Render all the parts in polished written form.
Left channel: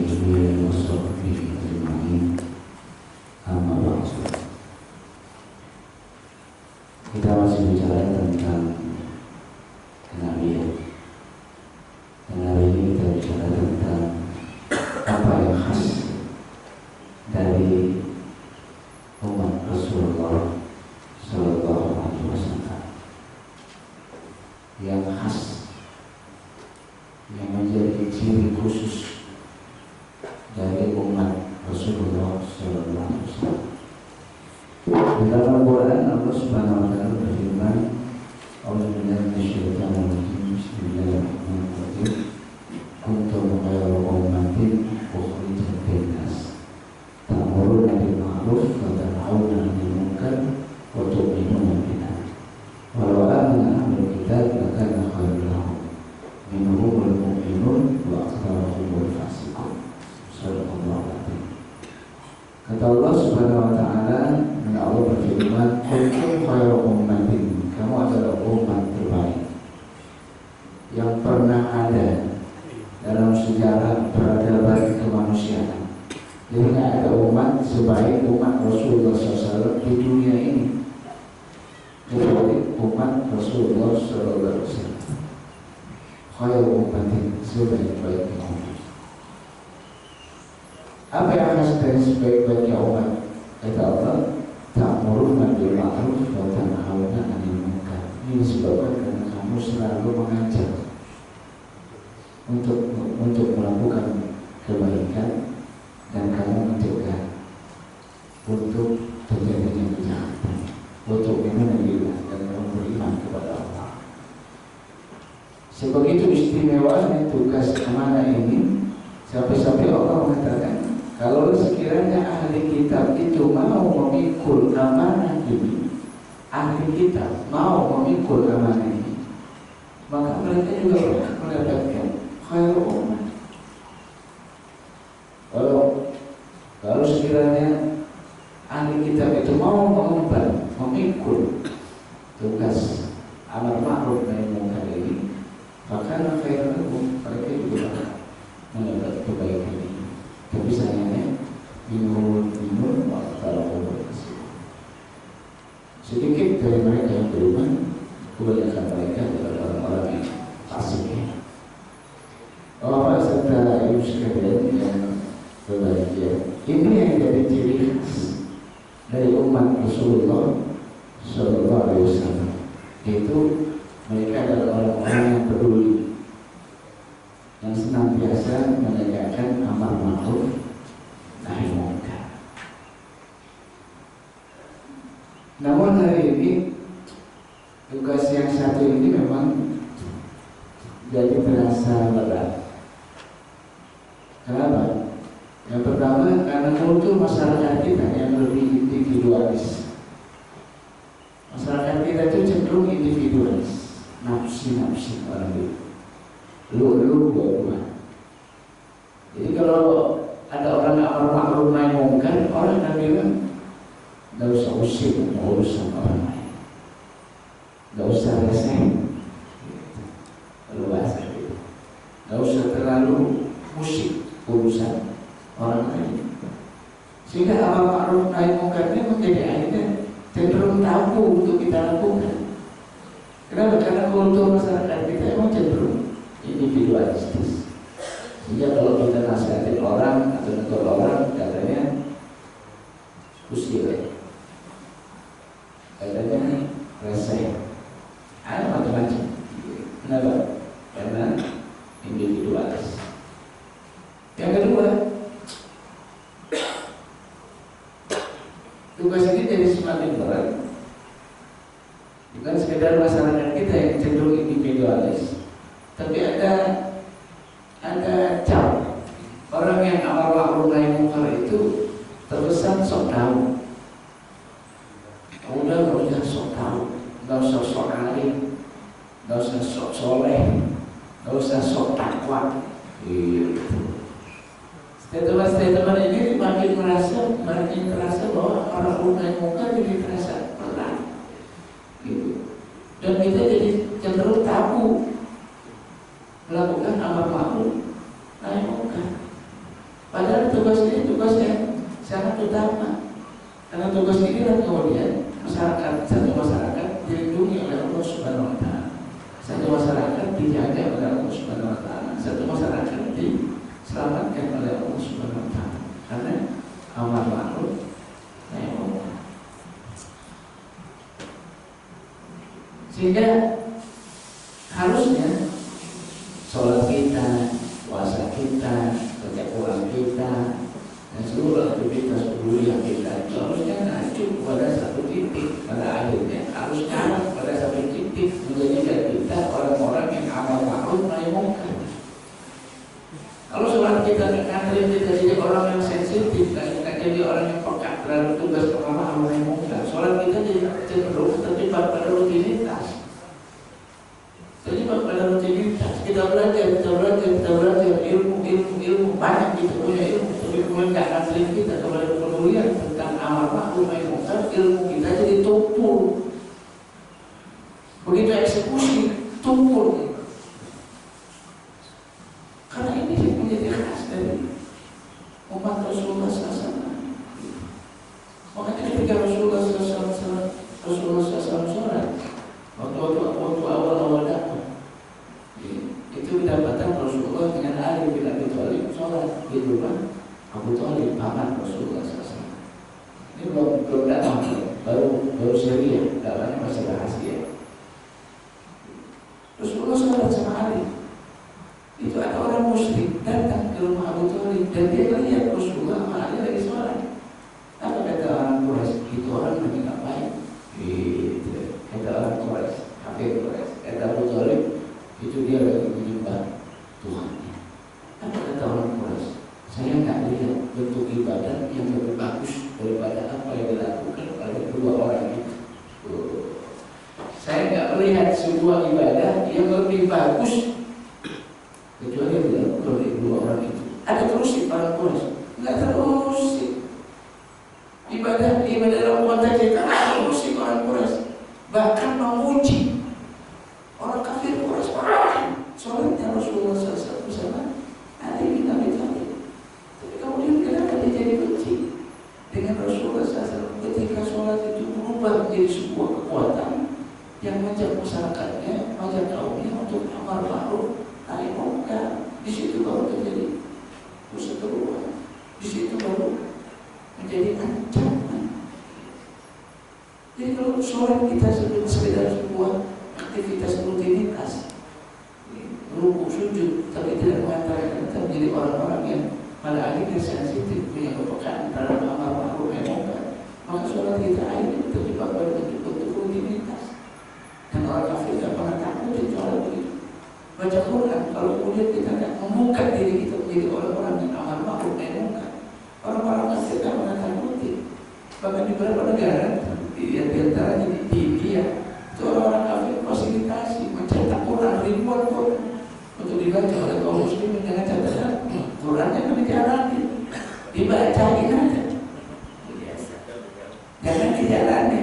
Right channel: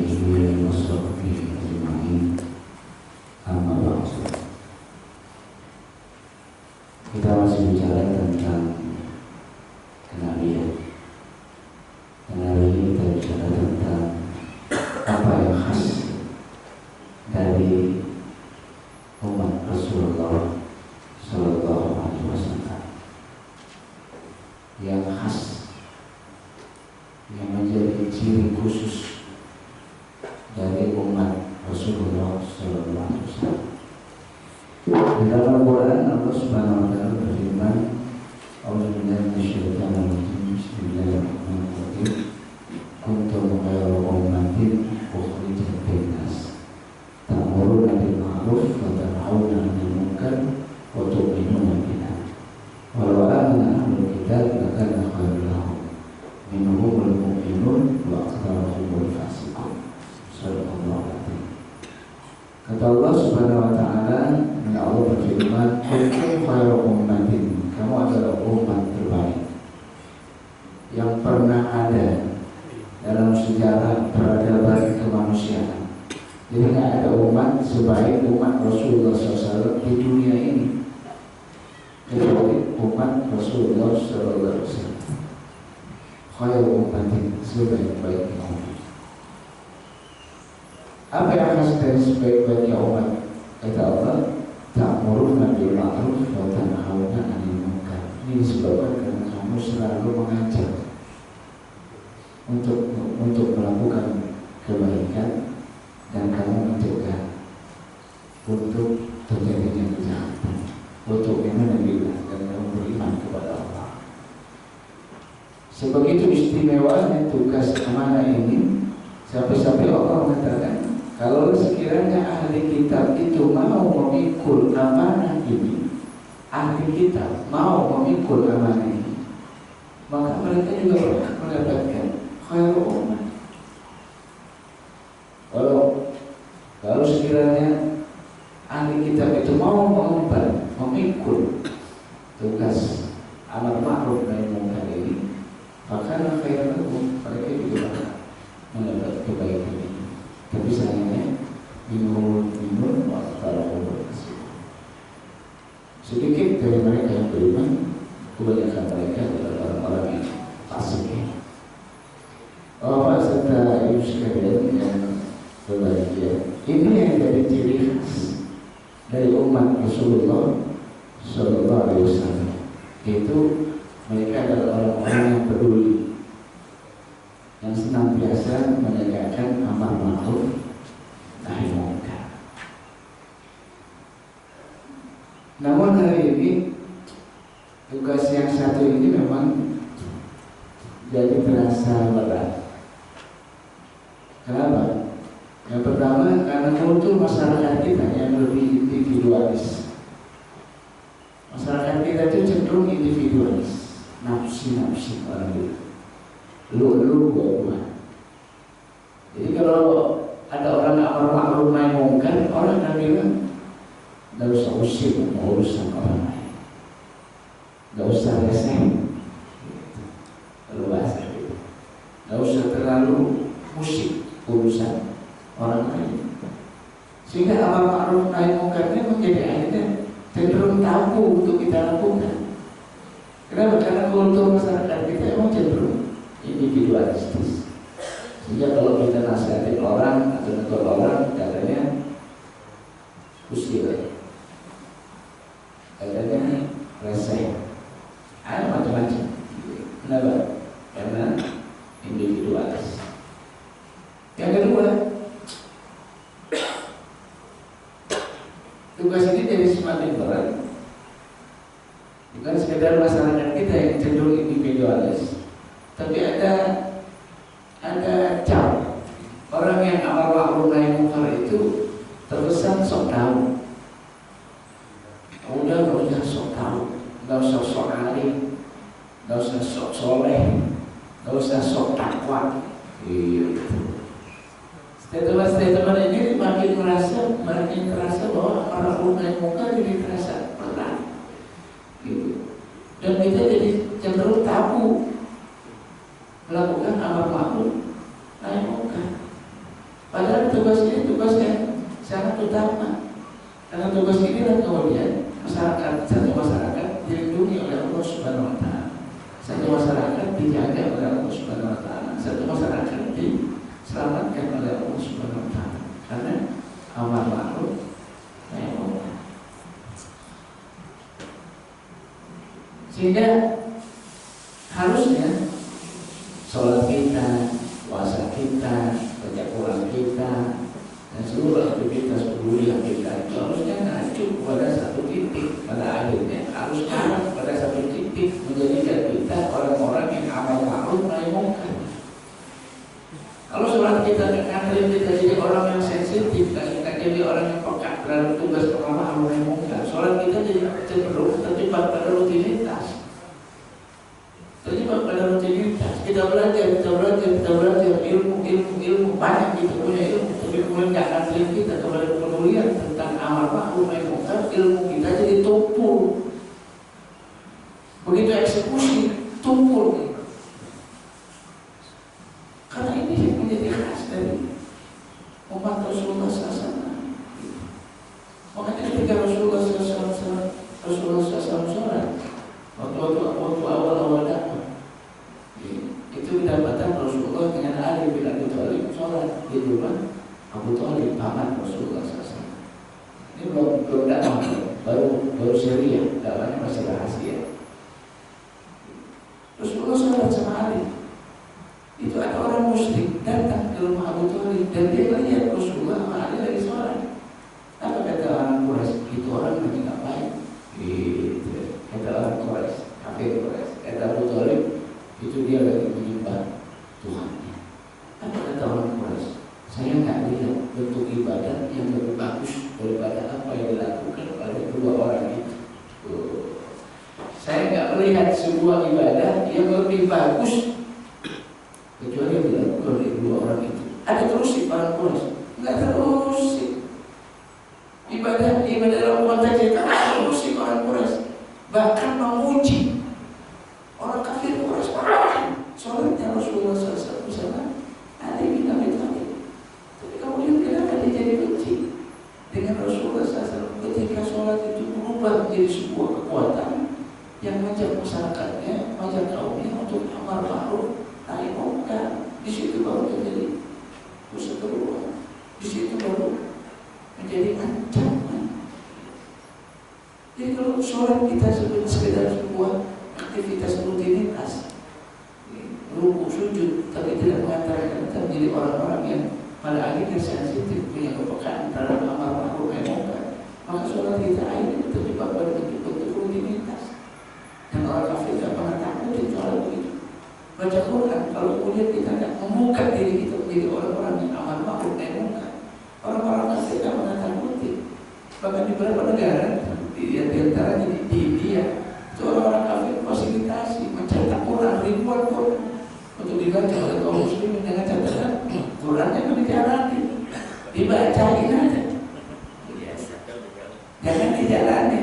alihi wa sahbihi ajma'in. Amma ba'du. Kita masih bicara tentang kenabian. Dan hari ini kita bicara tentang apa yang khas dari umat Rasulullah Sallallahu Alaihi Wasallam, yang khas, yang menjadi ciri khusus dari umat Rasulullah Sallallahu Alaihi Wasallam. Di dalam Al-Quran Allah Subhanahu Wa Taala berfirman, "A'udzubillahi minasyaitonir rajim. Bismillahirrahmanirrahim. Kuntum khayra ummatin ukhrijat lin-nas, ta'muruna bil ma'ruf wa tanhauna 'anil munkar wa tu'minuna billah. Walau amana ahlul kitab lakana khairan lahum. Minhumul mu'minun wa aktsaruhumul fasiqun." Subhanallah. Kata Allah Subhanahu Wa Taala, Allah berfirman, "Kuntum khayra ummatin." Kamu adalah umat terbaik yang pernah ada dalam sejarah peradaban kemanusiaan. Jadi tidak ada umat sebaik umat Rasulullah SAW di dunia ini kecuali umat Rasulullah SAW. Khayra ummatin, sebaik-baiknya umat. Apa yang khas dari sebaik-baiknya umat? Kata Allah, ta'muruna bil ma'ruf wa tanhauna 'anil munkar. Ini disebabkan karena kamu selalu mengajak untuk melakukan kebaikan dan kamu mencegah untuk terjadinya kejahatan, untuk minum dan kamu beriman kepada Allah. Sebegitu istimewanya tugas amanah ini, sampai-sampai Allah mengatakan, kalau sekiranya ahli kitab itu mau memikul amanah ini, ahli kitab mau memikul amanah ini, maka mereka juga berhak mendapatkan khairul ummah. Kalau sekiranya ahli kitab itu mau mengemban, memikul tugas amar ma'ruf nahi munkar ini, maka khairul ummah, mereka juga berhak mendapat kebaikan ini. Tapi sayangnya minum kalau sedikit dari mereka yang beriman, kebanyakan mereka adalah orang-orang yang fasik. Bapak serta ibu sekalian yang berbahagia, ini yang jadi ciri khas dari umat Rasulullah Sallallahu Alaihi Wasallam, yaitu mereka adalah orang-orang yang peduli, yang senantiasa menegakkan amar ma'ruf nahi munkar. Namun hari ini tugas yang satu ini memang jadi terasa berat. Kenapa? Yang pertama, karena kultur masyarakat kita yang lebih individualis. Masyarakat kita itu cenderung individualis, nafsi orang itu. Lu gua. Jadi kalau ada orang amar ma'ruf nahi munkar, orang akan bilang, nggak usah usir urusan orang lain, nggak usah reseh, kalau bahasa itu, nggak usah terlalu musik urusan orang lain. Sehingga amar ma'ruf nahi munkarnya menjadi akhirnya cenderung tabu untuk kita lakukan. Kenapa? Karena kultur masyarakat kita emang cenderung individualistis. Sehingga kalau kita nasihatin orang atau negur orang, katanya usir, katanya reseh, ada macam-macam. Kenapa? Karena individualis. Yang kedua, tugas ini jadi semakin berat. Bukan sekedar masyarakat kita yang cenderung individualis, tapi ada cap orang yang amar ma'ruf nahi munkar itu terkesan sok tahu. Udah nggak usah sok tahu, nggak usah sok alim, nggak usah sok soleh, nggak usah sok takwa. Statement ini makin terasa bahwa amar ma'ruf nahi munkar jadi terasa berat. Dan kita jadi cenderung tabu melakukan amar ma'ruf nahi munkar. utama. Karena tugas inilah kemudian satu masyarakat dilindungi oleh Allah Subhanahu Wa Taala, satu masyarakat dijaga oleh Allah Subhanahu Wa Taala, satu masyarakat diselamatkan oleh Allah Subhanahu Wa Taala. Karena amar ma'ruf nahi munkar. Sehingga harusnya sholat kita, puasa kita, kerja Quran kita, dan seluruh aktivitas kuliah kita itu harusnya mengacu pada satu titik. Pada akhirnya harus arah pada satu titik, menjadikan kita orang-orang yang amal ma'ruf nahi munkar. Kalau sholat kita ngajarin kita jadi orang yang sensitif, kita jadi orang yang peka terhadap tugas pertama amar nahi munkar, sholat kita jadi cenderung terjebak pada rutinitas. Terjebak pada rutinitas. Kita belajar ilmu banyak, kita punya ilmu, tapi kemudian nggak ngajarin kita kepada pedulian tentang amar ma'ruf nahi munkar, ilmu kita jadi tumpul. Begitu eksekusi tumpul. Karena ini menjadi khas dari umat Rasulullah SAW. Makanya ketika Rasulullah SAW sholat, waktu awal dakwah, itu didapatkan Rasulullah dengan Ali bin Abi Thalib sholat di rumah Abu Thalib, paman Rasulullah SAW. Ini belum dakwah, baru Syria, dakwahnya masih rahasia. Rasulullah sholat sama Ali. Itu ada orang musyrik datang ke rumah Abu Thalib dan dia melihat Rasulullah sama Ali lagi sholat. Apa kata orang Quraisy? Itu orang lagi ngapain? Gitu. Kata orang Quraisy, kafir Quraisy. Kata Abu Thalib, itu dia lagi menyembah Tuhannya. Apa kata orang Quraisy? Saya nggak lihat bentuk ibadah yang lebih bagus daripada apa yang dilakukan oleh dua orang itu. Saya nggak melihat sebuah ibadah yang lebih bagus kecuali yang dilakukan oleh dua orang itu. Ada terus di para Quraisy? Nggak terus. Ibadah dalam konteks kita terus di orang Quraisy. Bahkan memuji orang kafir Quraisy. Sholatnya Rasulullah SAW bersama Ali bin Abi Thalib. Tapi kemudian kenapa dia jadi benci dengan Rasulullah SAW ketika sholat itu berubah menjadi sebuah kekuatan yang mengajak masyarakatnya, mengajak kaumnya untuk amar ma'ruf nahi munkar. Di situ baru terjadi perseteruan. Di situ baru menjadi ancaman. Jadi kalau sholat kita sekedar sebuah aktivitas rutinitas, rukuk sujud, tapi tidak mengantarkan kita menjadi orang-orang yang pada akhirnya sensitif, punya kepekaan terhadap amar ma'ruf nahi munkar, maka sholat kita akhirnya terjebak pada bentuk-bentuk rutinitas. Dan orang kafir tidak pernah takut di sholat begitu. Baca Quran, kalau kemudian kita tidak membuka diri kita menjadi orang-orang yang amar ma'ruf nahi munkar, orang-orang kafir tidak pernah takuti. Bahkan di beberapa negara, di antaranya di India, itu orang-orang kafir fasilitasi mencetak Quran, ribuan Quran untuk dibaca oleh kaum muslimin dengan catatan Qurannya kan dijalani, dibacain aja, jangan dijalani,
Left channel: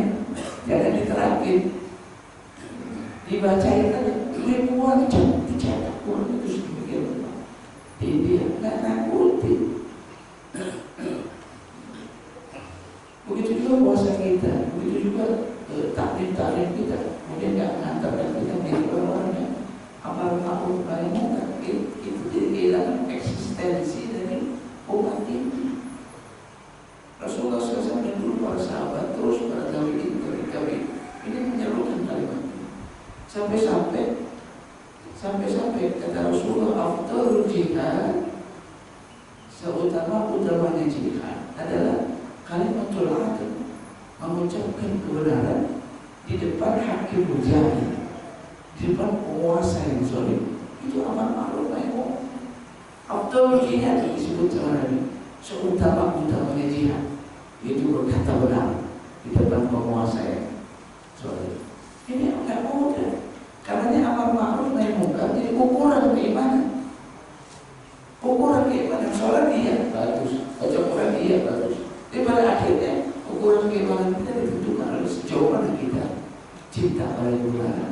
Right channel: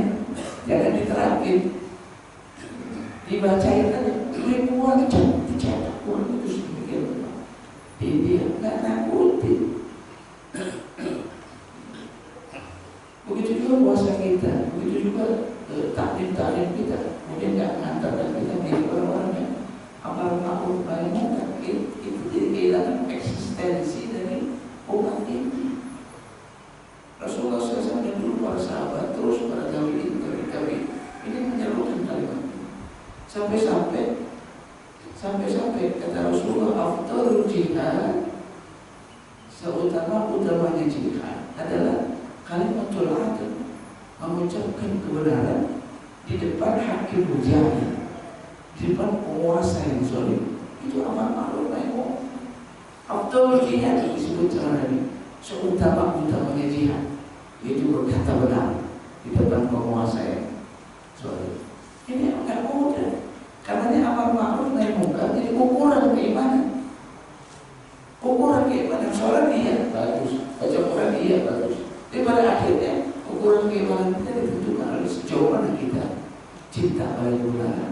jangan diterapin, dibacain aja. Ribuan jam dicetak Quran itu sedemikian di India, nggak nakuti. Begitu juga puasa kita, begitu juga taklim kita, kemudian nggak mengantarkan kita menjadi orang-orang yang amar ma'ruf nahi munkar. Itu jadi kehilangan eksistensi dari umat ini. Rasulullah SAW dan dulu para sahabat terus para tabi'in ini menyerukan kalimat ini. Sampai kata Rasulullah, afdalul jihad, seutama-utamanya jihad adalah kalimatul adl, mengucapkan kebenaran di depan hakim jahil, di depan penguasa yang zalim. Itu amar ma'ruf nahi munkar. Afdalul jihad disebut sama Nabi, seutama-utamanya jihad, yaitu berkata benar di depan penguasa yang zalim. Ini enggak mudah. Karena amar ma'ruf nahi munkar jadi ukuran keimanan. Ukuran keimanan, sholat iya bagus, baca Quran iya bagus. Tapi pada akhirnya ukuran keimanan kita ditentukan oleh sejauh mana kita cinta pada kebenaran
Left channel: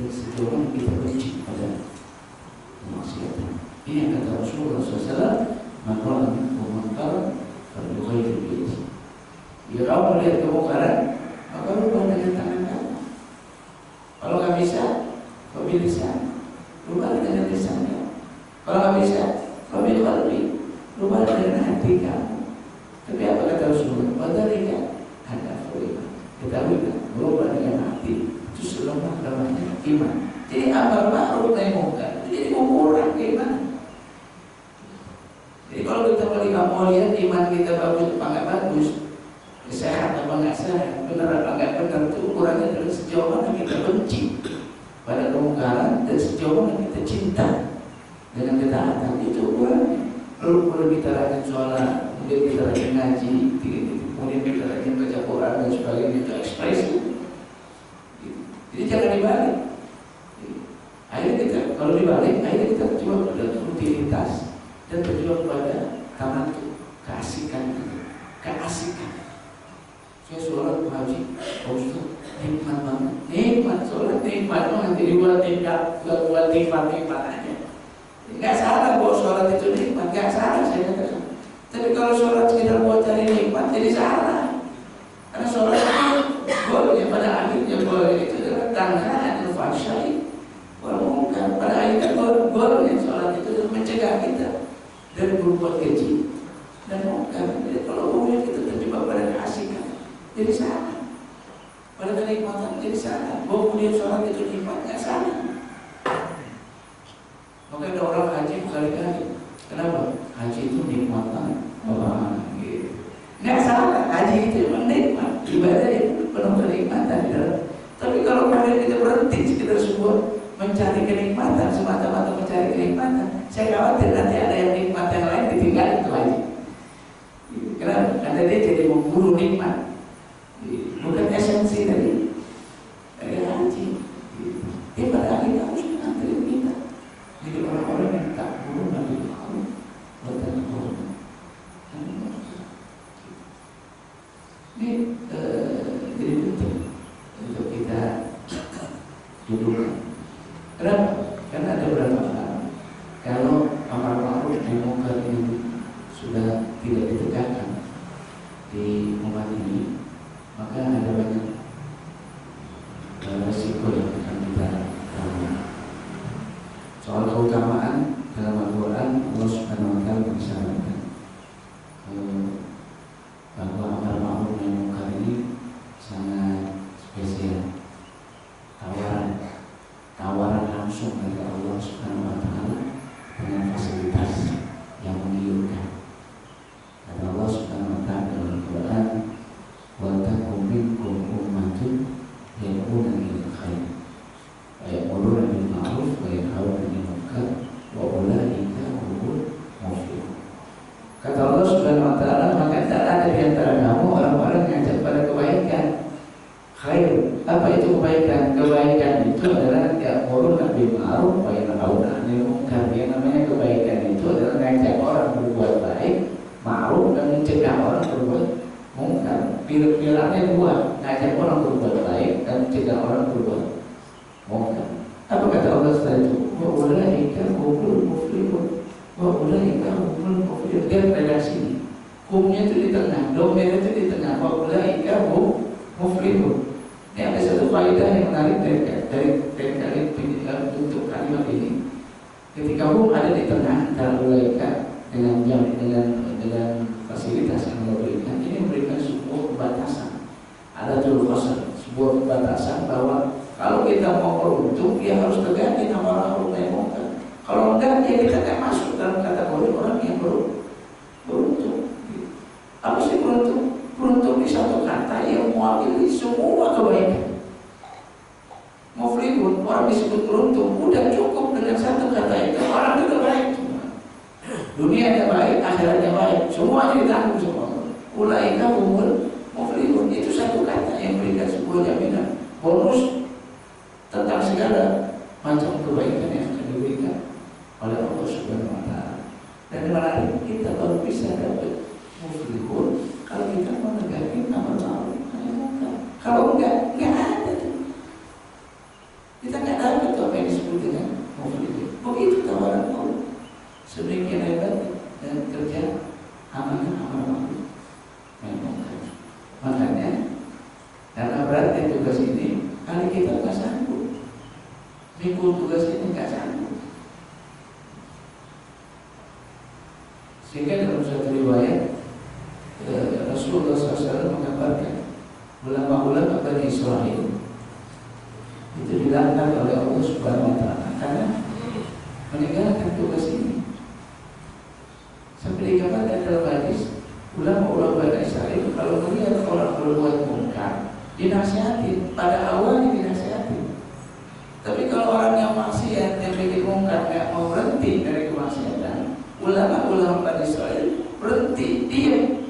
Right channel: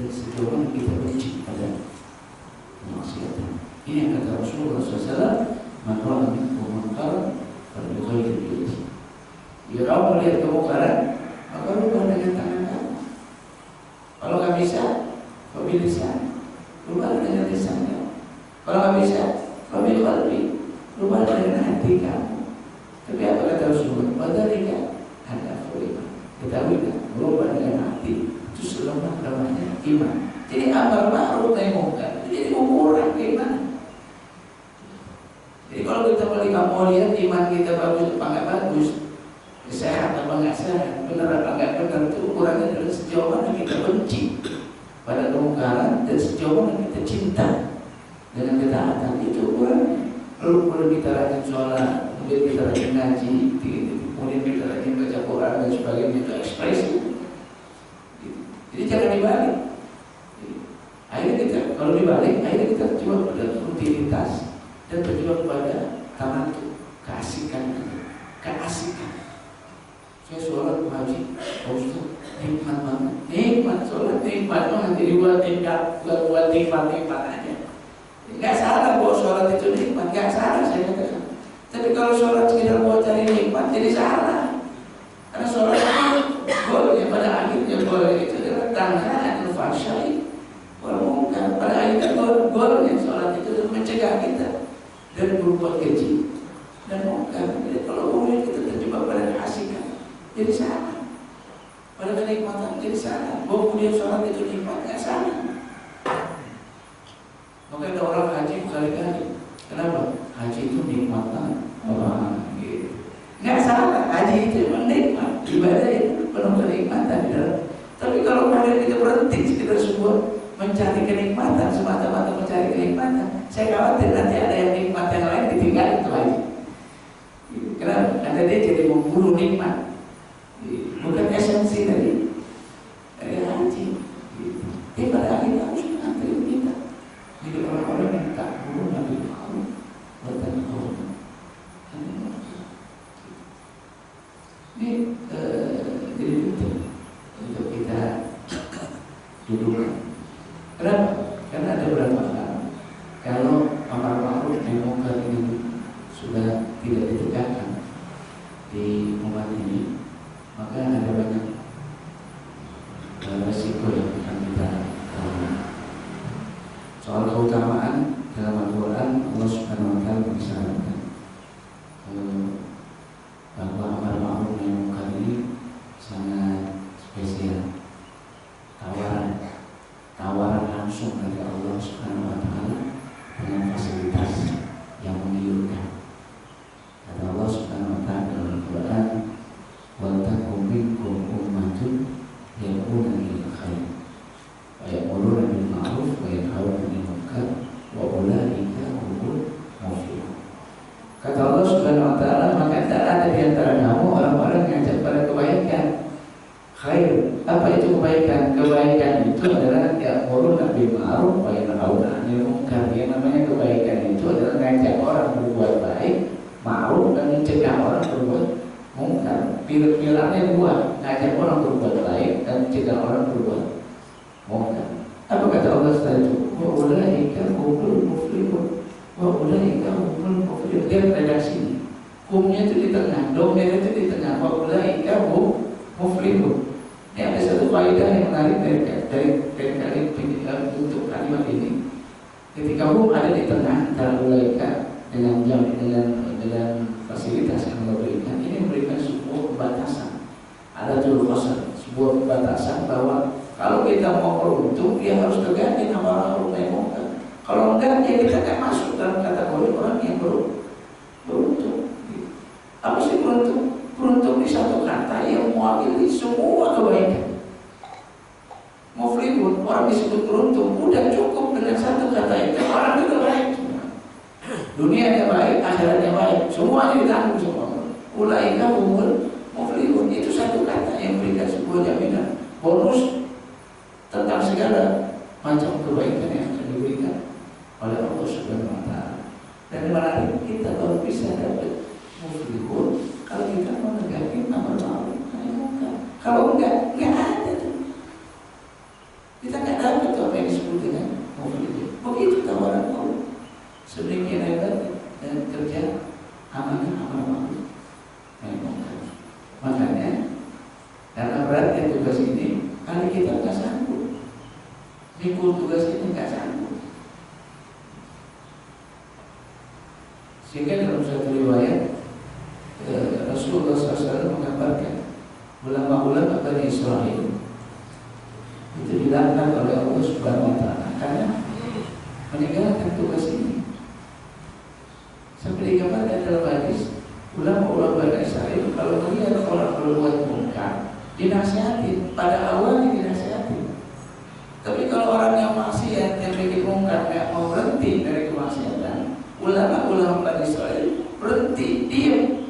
dan sejauh mana kita benci pada kemaksiatan. Ini yang kata Rasulullah SAW, man ra'a minkum munkaran falyughayyirhu bi yadihi. berubah dengan hati kamu. Tapi apa kata Rasulullah? Wadhalika hadaful iman. Ketahui kan, berubah dengan hati itu selemah-lemahnya iman. Jadi amar ma'ruf nahi munkar jadi ukuran keimanan. Jadi kalau kita mau lihat iman kita bagus apa nggak bagus, sehat apa nggak sehat, benar apa nggak benar, itu ukurannya adalah sejauh mana kita benci pada kemungkaran dan sejauh mana kita cinta dengan ketaatan. Itu ukurannya. Lalu kemudian kita rajin sholat, kemudian kita rajin ngaji, kemudian kita rajin baca Quran dan sebagainya, itu ekspresi. Jadi jangan dibalik. Akhirnya kita, kalau dibalik, akhirnya kita berjuang pada rutinitas dan berjuang pada tamantu, keasikan. Saya sholat haji, Ustaz, nikmat banget, nikmat sholat, nikmat banget. Jadi buat nikmat aja. Nggak salah bahwa sholat itu nikmat, nggak salah saya katakan. Tapi kalau sholat sekedar buat cari nikmat, jadi salah. Karena sholat boleh, pada akhirnya boleh itu adalah tangan al-fahsyai wal munkar. Pada akhirnya boleh sholat itu mencegah kita dari berbuat keji dan munkar. Jadi kalau kemudian kita terjebak pada keasikan, jadi salah. Pada kenikmatan jadi salah. Bahwa kemudian sholat itu nikmat, nggak salah. Maka ada orang haji berkali-kali. Kenapa? Haji itu nikmat banget. Gitu. Nggak salah, haji itu memang nikmat. Ibadah itu penuh kenikmatan. Tapi kalau kemudian kita berhenti sekedar sebuah mencari kenikmatan, semata-mata mencari kenikmatan, saya khawatir nanti ada yang nikmat yang lain ditinggal itu haji. Kenapa? Karena dia jadi memburu nikmat. Bukan esensi dari haji. Dia pada akhirnya harus mengantarin kita. Jadi orang-orang yang tak buru Nabi Muhammad bertanya ini jadi penting untuk kita duduk. Kenapa? Karena ada beberapa hal. Kalau amar ma'ruf nahi munkar ini sudah tidak ditegakkan di umat ini, maka ada banyak resiko yang akan kita alami. Soal keutamaan dalam Al-Quran, Allah Subhanahu wa Ta'ala mengisyaratkan bahwa amar ma'ruf nahi munkar ini sangat spesial. Tawaran langsung dari Allah Subhanahu wa Ta'ala dengan fasilitas yang menggiurkan. Kata Allah Subhanahu wa Ta'ala dalam Al-Quran, wa takum minkum ummatun yad'una ilal khair wa ya'muruna bil ma'ruf wa yanhauna 'anil munkar wa ulaika humul muflihun. Kata Allah Subhanahu wa Ta'ala, maka tak ada di antara kamu orang-orang yang ngajak pada kebaikan. Khair, apa itu kebaikan? Kebaikan itu adalah ya'muruna bil ma'ruf wa yanhauna 'anil munkar. Yang namanya kebaikan itu adalah ngajak orang berbuat baik, ma'ruf, dan mencegah orang berbuat munkar. Pilarnya dua, ngajak orang berbuat baik dan mencegah orang berbuat munkar. Apa kata Allah setelah itu? Wa ulaika humul muflihun. Wa ulaika humul muflihun. Dia redaksi. Humnya itu di tengah, domnya itu di tengah. Wa ulaika humul muflihun. Ini ada satu faedah yang menarik dari untuk kalimat ini. Ketika hum ada di tengah antara ulaika dengan fasilitas yang Allah berikan, ini memberikan sebuah pembatasan. Ada sebuah pembatasan bahwa kalau kita mau beruntung, dia harus tegakkan amar ma'ruf nahi munkar. Kalau enggak, ya kita akan masuk dalam kategori orang yang beruntung. Apa sih beruntung? Beruntung di satu kata yang mewakili semua kebaikan. Muflihun, orang disebut beruntung, udah cukup dengan satu kata itu, orang juga baik. Dunianya baik, akhiratnya baik, semuanya ditanggung semua. Ulaika humul muflihun, itu satu kata yang memberikan sebuah jaminan bonus tentang segala macam kebaikan yang akan diberikan oleh Allah Subhanahu wa Ta'ala. Dan menarik, kita baru bisa dapat muflihun kalau kita menegakkan amar ma'ruf nahi munkar. Kalau enggak ada tuh. Kita nggak dapat apa yang disebut dengan muflihun. Begitu tawaran Allah. Sedemikian hebat dan kerja amanah amar ma'ruf nahi munkar. Makanya karena beratnya tugas ini, kali kita nggak sanggup. Mikul tugas ini nggak sanggup. Sehingga dalam satu riwayat Rasulullah SAW menggambarkan ulama-ulama Bani Israel itu dilaknat oleh Allah Subhanahu wa Ta'ala karena meninggalkan tugas ini. Sampai digambarkan dalam hadis, ulama-ulama Bani Israel kalau melihat orang berbuat munkar dinasihatin, pada awalnya dinasihatin. Tapi kalau orang yang maksiat, yang bikin munkar, yang mau berhenti dari kemaksiatan, ulama-ulama Bani Israel berhenti, diam,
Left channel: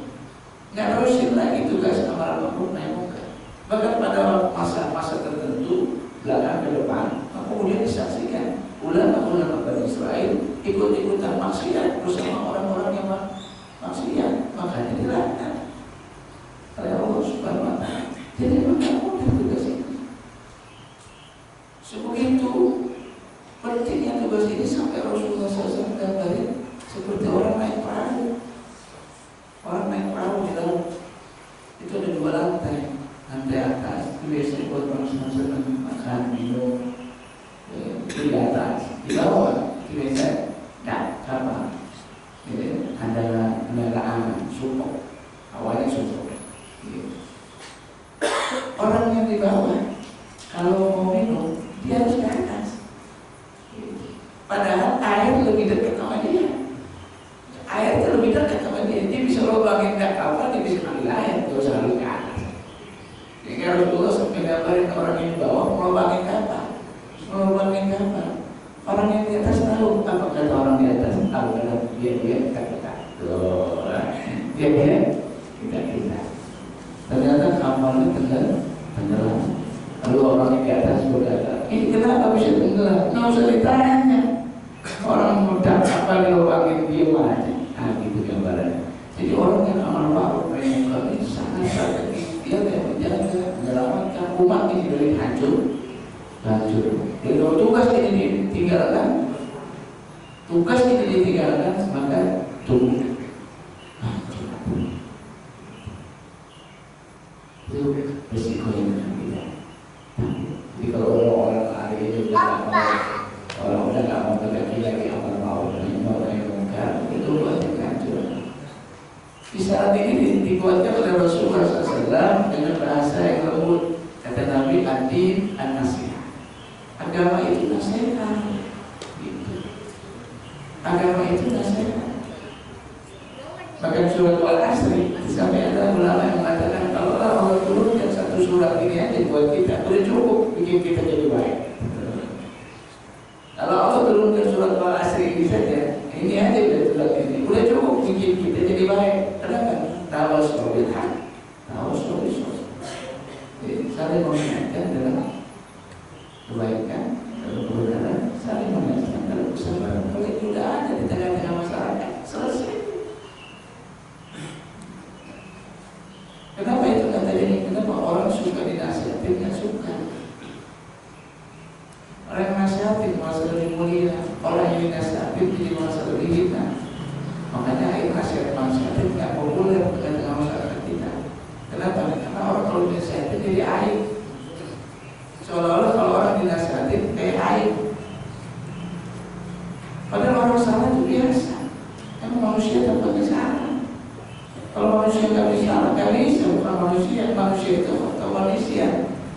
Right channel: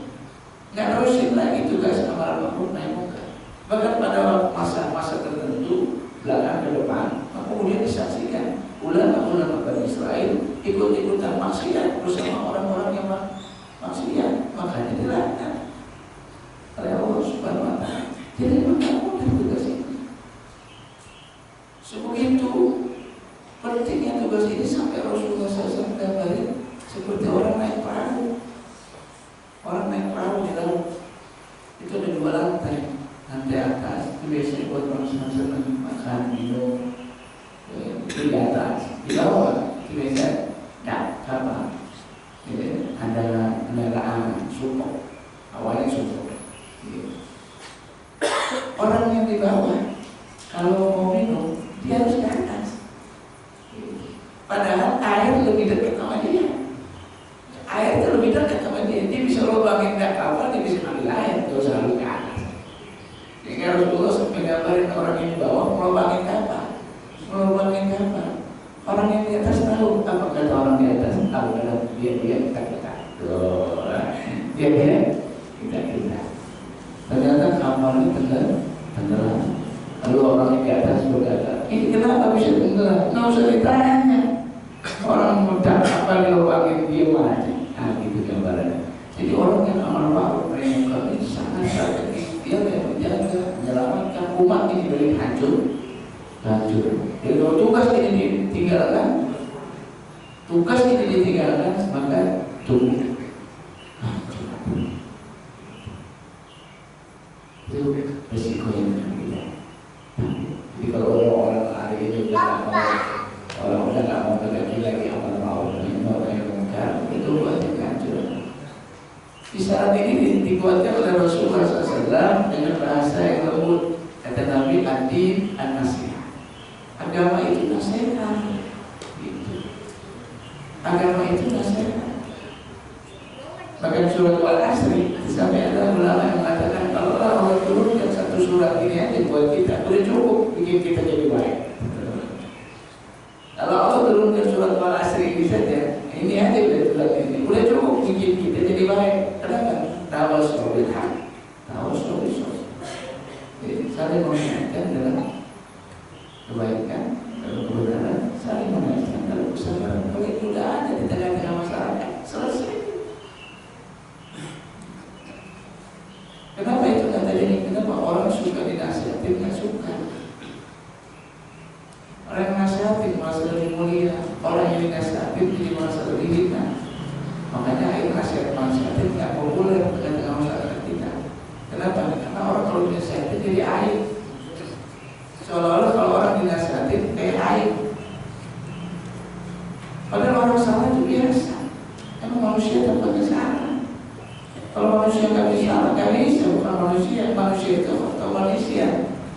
nggak terusin lagi tugas amar ma'ruf nahi munkar. Bahkan pada masa-masa tertentu belakang ke depan, kemudian disaksikan ulama-ulama Bani Israel ikut-ikutan maksiat bersama orang-orang yang maksiat, makanya dilaknat oleh Allah Subhanahu wa Ta'ala. Jadi maka mudah tugas ini. Sebegitu pentingnya tugas ini sampai Rasulullah SAW gambarin seperti orang naik perahu. Orang naik perahu di laut itu ada 2 lantai. Lantai atas itu biasanya buat orang senang-senang makan, minum. Itu di atas, di bawah itu biasa kapal. Ada kendaraan support, awalnya support. Orang yang di bawah kalau mau minum dia harus ke atas. Padahal air lebih dekat sama dia. Air itu lebih dekat sama dia. Dia bisa lubangin kapal, dia bisa ambil air, dia harus lalu ke atas. Jadi Rasulullah sampai gambarin orang yang di bawah melubangin kapal. Orang yang di atas tahu apa kata orang di atas, tahu karena dia kita. Dia kita. Ternyata kapalnya tenggelam. Lalu orang yang di atas berkata, ini kenapa bisa tenggelam? Nggak usah ditanya. Orang muda kapal dilubangin dia aja. Nah gitu gambarannya. Jadi orang yang amal ma'ruf nahi munkar ini sangat ikhtiar yang menjaga, menyelamatkan umat ini dari hancur. Jadi kalau tugas ini ditinggalkan, maka tunggu. Itu risiko yang kita. Jadi kalau orang hari ini udah nggak mau terjadi lagi amal ma'ruf nahi munkar, itu buatnya hancur. Di saat ini dibuatkan oleh Rasulullah SAW dengan bahasa yang lembut. Kata Nabi, ad-din an-nasihat. Agama itu nasihat. Agama itu nasihat. Bahkan surat Al-Asri sampai ada ulama yang mengatakan kalau Allah turunkan satu surat ini aja buat kita, udah cukup bikin kita jadi baik. Kalau Allah turunkan surat Al-Asri ini saja, ini aja surat ini, udah cukup bikin kita jadi baik. Kenapa? Tawassul bil haq, tawassul bis sabr. Jadi saling mengingatkan dalam kebaikan, dalam kebenaran, saling mengingatkan dalam kesabaran. Kalau itu sudah ada di tengah-tengah masyarakat, selesai. Kenapa itu kata ini? Kenapa orang suka dinasihatin? Nggak suka. Orang yang nasihatin merasa lebih mulia, orang yang dinasihatin jadi merasa lebih hina. Makanya air nasihatin nggak populer di tengah masyarakat kita. Kenapa? Karena orang kalau dinasihatin jadi aib. Seolah-olah kalau orang dinasihatin kayak aib. Padahal orang salah itu biasa. Emang manusia tempatnya salah. Kalau manusia nggak bisa salah, nggak bisa. Bukan manusia itu atau manusia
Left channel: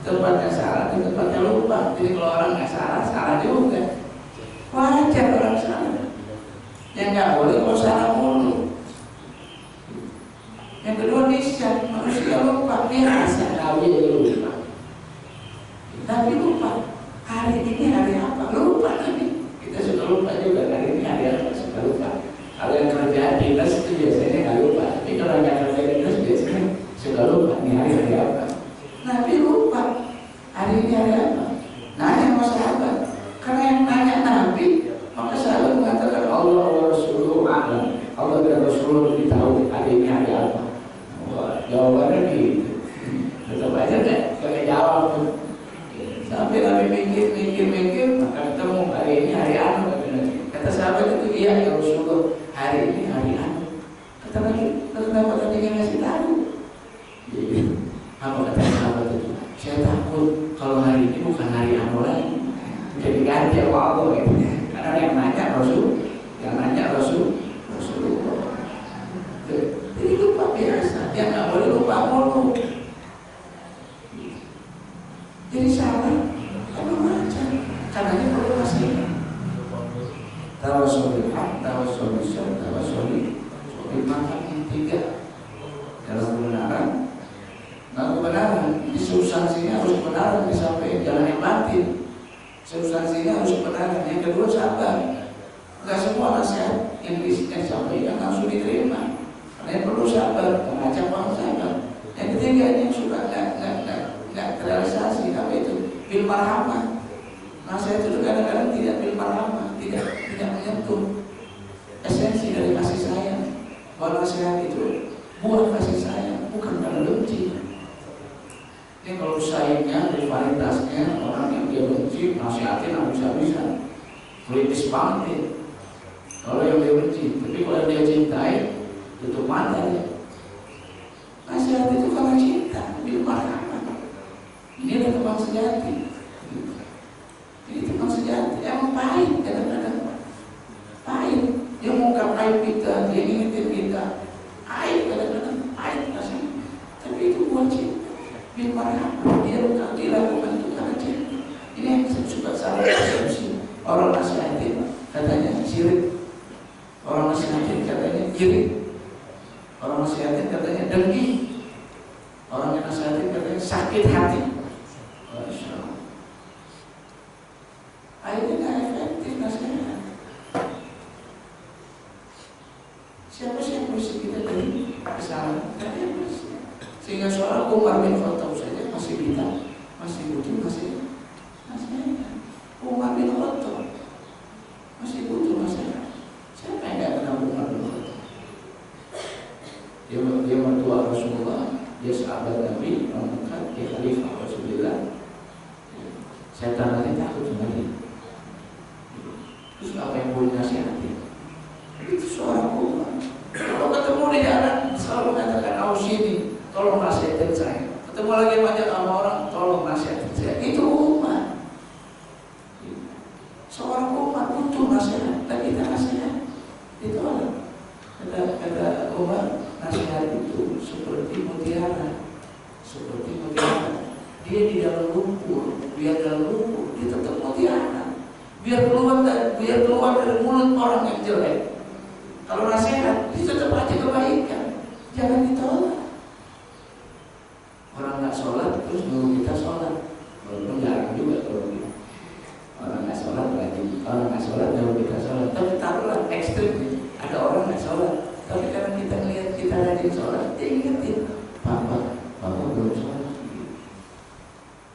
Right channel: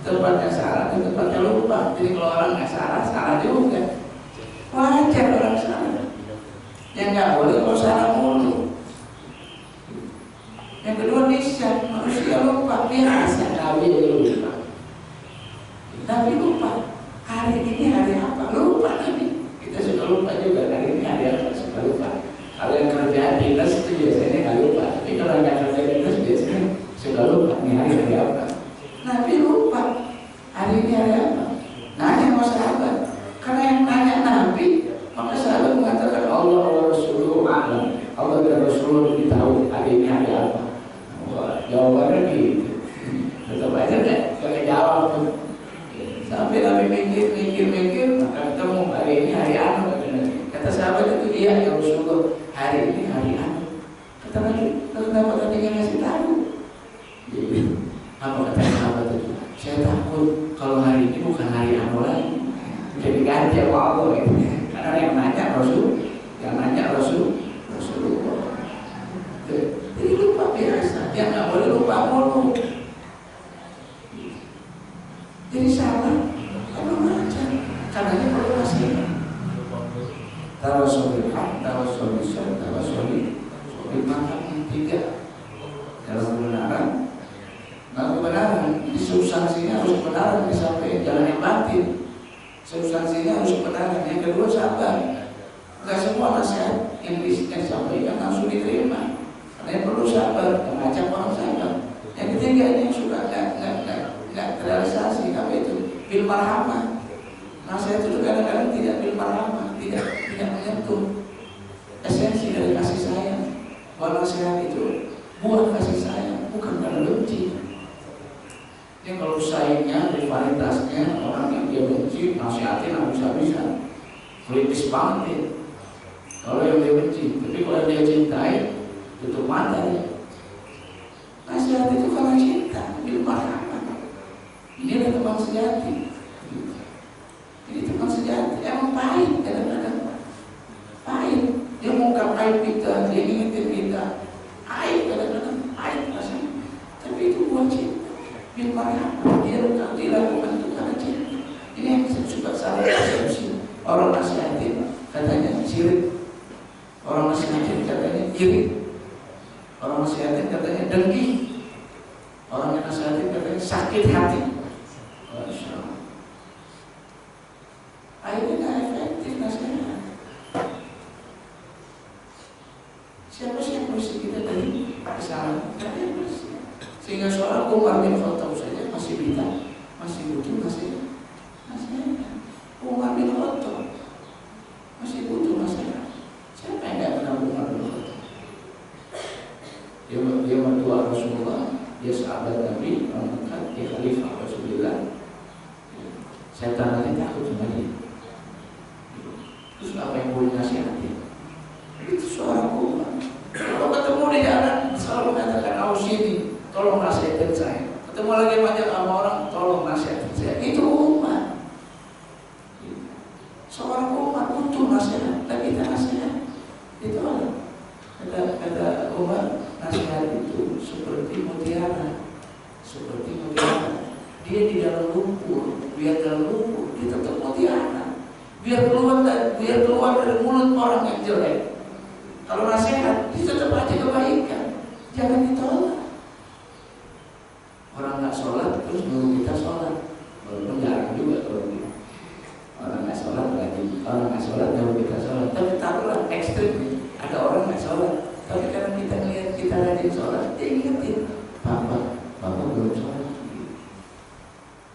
tempatnya salah dan tempatnya lupa. Jadi kalau orang nggak salah, salah juga. Wajar orang salah. Yang nggak boleh kalau salah mulu. Yang kedua nisyan, manusia lupa. Biasa Nabi lupa. Nabi lupa. Hari ini hari apa? Lupa Nabi. Kita suka lupa juga. Hari ini hari apa? Suka lupa. Kalau yang kerja dinas itu biasanya nggak lupa. Tapi kalau nggak kerja dinas biasanya suka lupa. Ini hari apa? Nabi lupa. Hari ini hari apa? Nanya sama sahabat. Karena yang nanya Nabi, maka sahabat mengatakan Allah Rasulullah a'lam. Allah dan Rasulullah lebih tahu hari ini hari apa. Jawabannya gitu. Tetap aja nggak jawab tuh. Sampai Nabi mikir, maka ketemu hari ini hari anu. Kata sahabat itu, iya ya Rasulullah, hari ini hari anu. Kata Nabi, kenapa tadi nggak ngasih tahu? Apa kata sahabat itu? Saya takut kalau hari ini bukan hari anu lagi. Jadi ganti Allah gitu. Karena yang nanya Rasulullah. Tiga, dalam kebenaran. Nah, kebenaran di substansinya harus kebenaran disampaikan, jangan yang batin. Substansinya harus kebenaran. Yang kedua, sabar. Enggak semua nasihat yang disampaikan langsung diterima. Karena yang perlu sabar, mengajak orang sabar. Yang ketiga, ini yang suka nggak terrealisasi. Apa itu? Bil marhamah. Nasihat itu kadang-kadang tidak bil marhamah, tidak menyentuh esensi dari kasih sayang. Bahwa nasihat itu buat kasih sayang, bukan karena benci. Ini kalau sayangnya, rivalitasnya, orang yang dia benci, nasihatin habis-habisan, kritis banget ya. Kalau yang dia benci, tapi kalau dia cintai, tutup mata ya. Nasihat itu karena cinta, bil marhamah. Inilah teman sejati. Ini teman sejati, emang pahit kadang-kadang. Pahit, dia mengungkap aib kita, dia ingetin kita. Aib kadang-kadang, aib rasanya. Tapi itu buat cinta, bil marhamah. Dia dilakukan itu karena cinta. Ini yang saya suka salah persepsi. Orang nasihatin katanya sirik. Orang nasihatin katanya iri. Orang nasihatin katanya dengki. Orang yang nasihatin katanya sakit hati. Akhirnya nggak efektif nasihat. Siapa sih yang mesti kita dari kesalahan? Kalian mesti. Sehingga seorang Umar bin Khattab saja masih bisa, masih butuh nasihat. Umar bin Khattab masih butuh nasihat. Siapa yang nggak kenal Umar bin Khattab? Dia mertua Rasulullah, dia sahabat Nabi, orang dekat, dia khalifah Rasulullah. Setan nanti takut sama dia. Terus apa yang boleh nasihati? Itu seorang Umar. Kalau ketemu di jalan selalu katakan, "Awas sini, tolong nasihatin saya." Ketemu lagi banyak sama orang, "Tolong nasihatin saya." Itu Umar. Seorang Umar butuh nasihat, tapi kita nasihat. Itu kata Umar, nasihat itu seperti mutiara, seperti mutiara. Dia di dalam lumpur, biar dalam lumpur, dia tetap mutiara. Biar keluar dari mulut orang yang jelek. Kalau nasihat, dia tetap aja kebaikan, jangan ditolak. Orang nggak sholat terus nunggu kita sholat, walaupun jarang juga kalau gitu. Orang nggak sholat lagi, orang nggak sholat nunggu kita sholat. Tapi taruhlah ekstrim nih, ada orang nggak sholat, tapi karena kita ngelihat kita rajin sholat, dia ingetin, bapak belum sholat.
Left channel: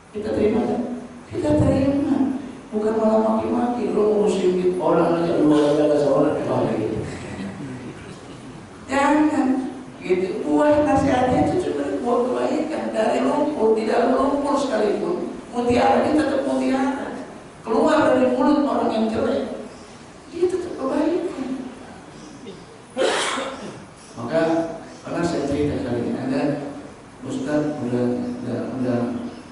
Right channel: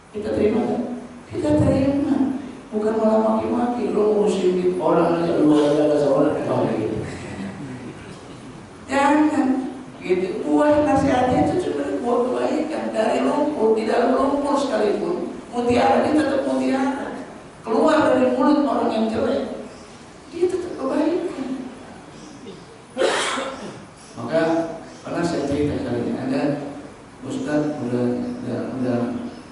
Kita terima kan? Kita terima. Bukan malah maki-maki, lo ngurusin orang aja, lu aja gak sholat, gitu. Jangan, gitu. Buat nasihatnya itu cuma buat kebaikan. Dari lumpur, di dalam lumpur sekalipun, mutiara dia tetap mutiara. Keluar dari mulut orang yang jelek, dia tetap kebaikan. Maka pernah saya cerita kali ini, ada Ustaz udah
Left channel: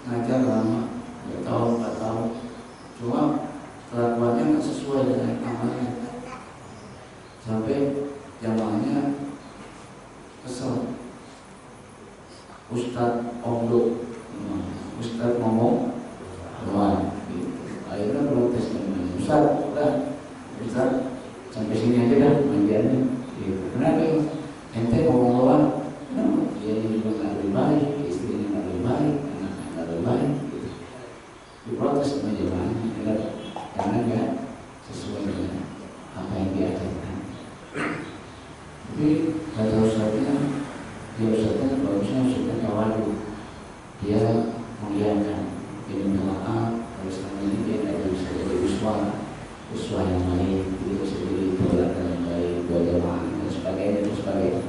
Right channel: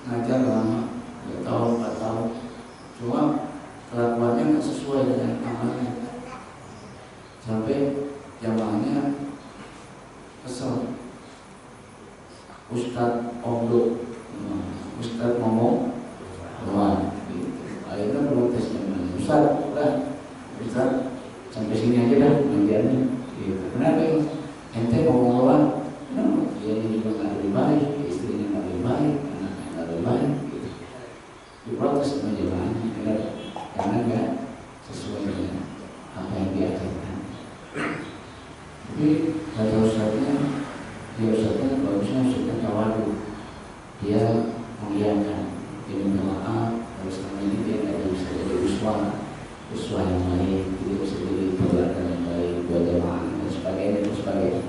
ngajar lama, 3 tahun, 4 tahun. Cuma kelakuannya nggak sesuai dengan amalnya, sampai jamaahnya kesel. Ustadz omdo, Ustadz ngomong doang. Akhirnya protes dengan Ustadz, Ustadz sampai sini aja dah pengajiannya. Kenapa ya? Ente ngomong doang, dia juga nggak lebih baik, istrinya nggak lebih baik, anaknya nggak lebih baik. Diprotes sama jemaahnya karena nggak sesuai dengan apa yang diajarkan. Tapi kata Ustaznya, bagusnya Ustaznya tawadu, dia mengiyakan, dia minta maaf kalau selama ini dia nggak bisa jadi uswah yang baik, dia bisa jadi teladan yang baik buat jemaah dan sebagainya.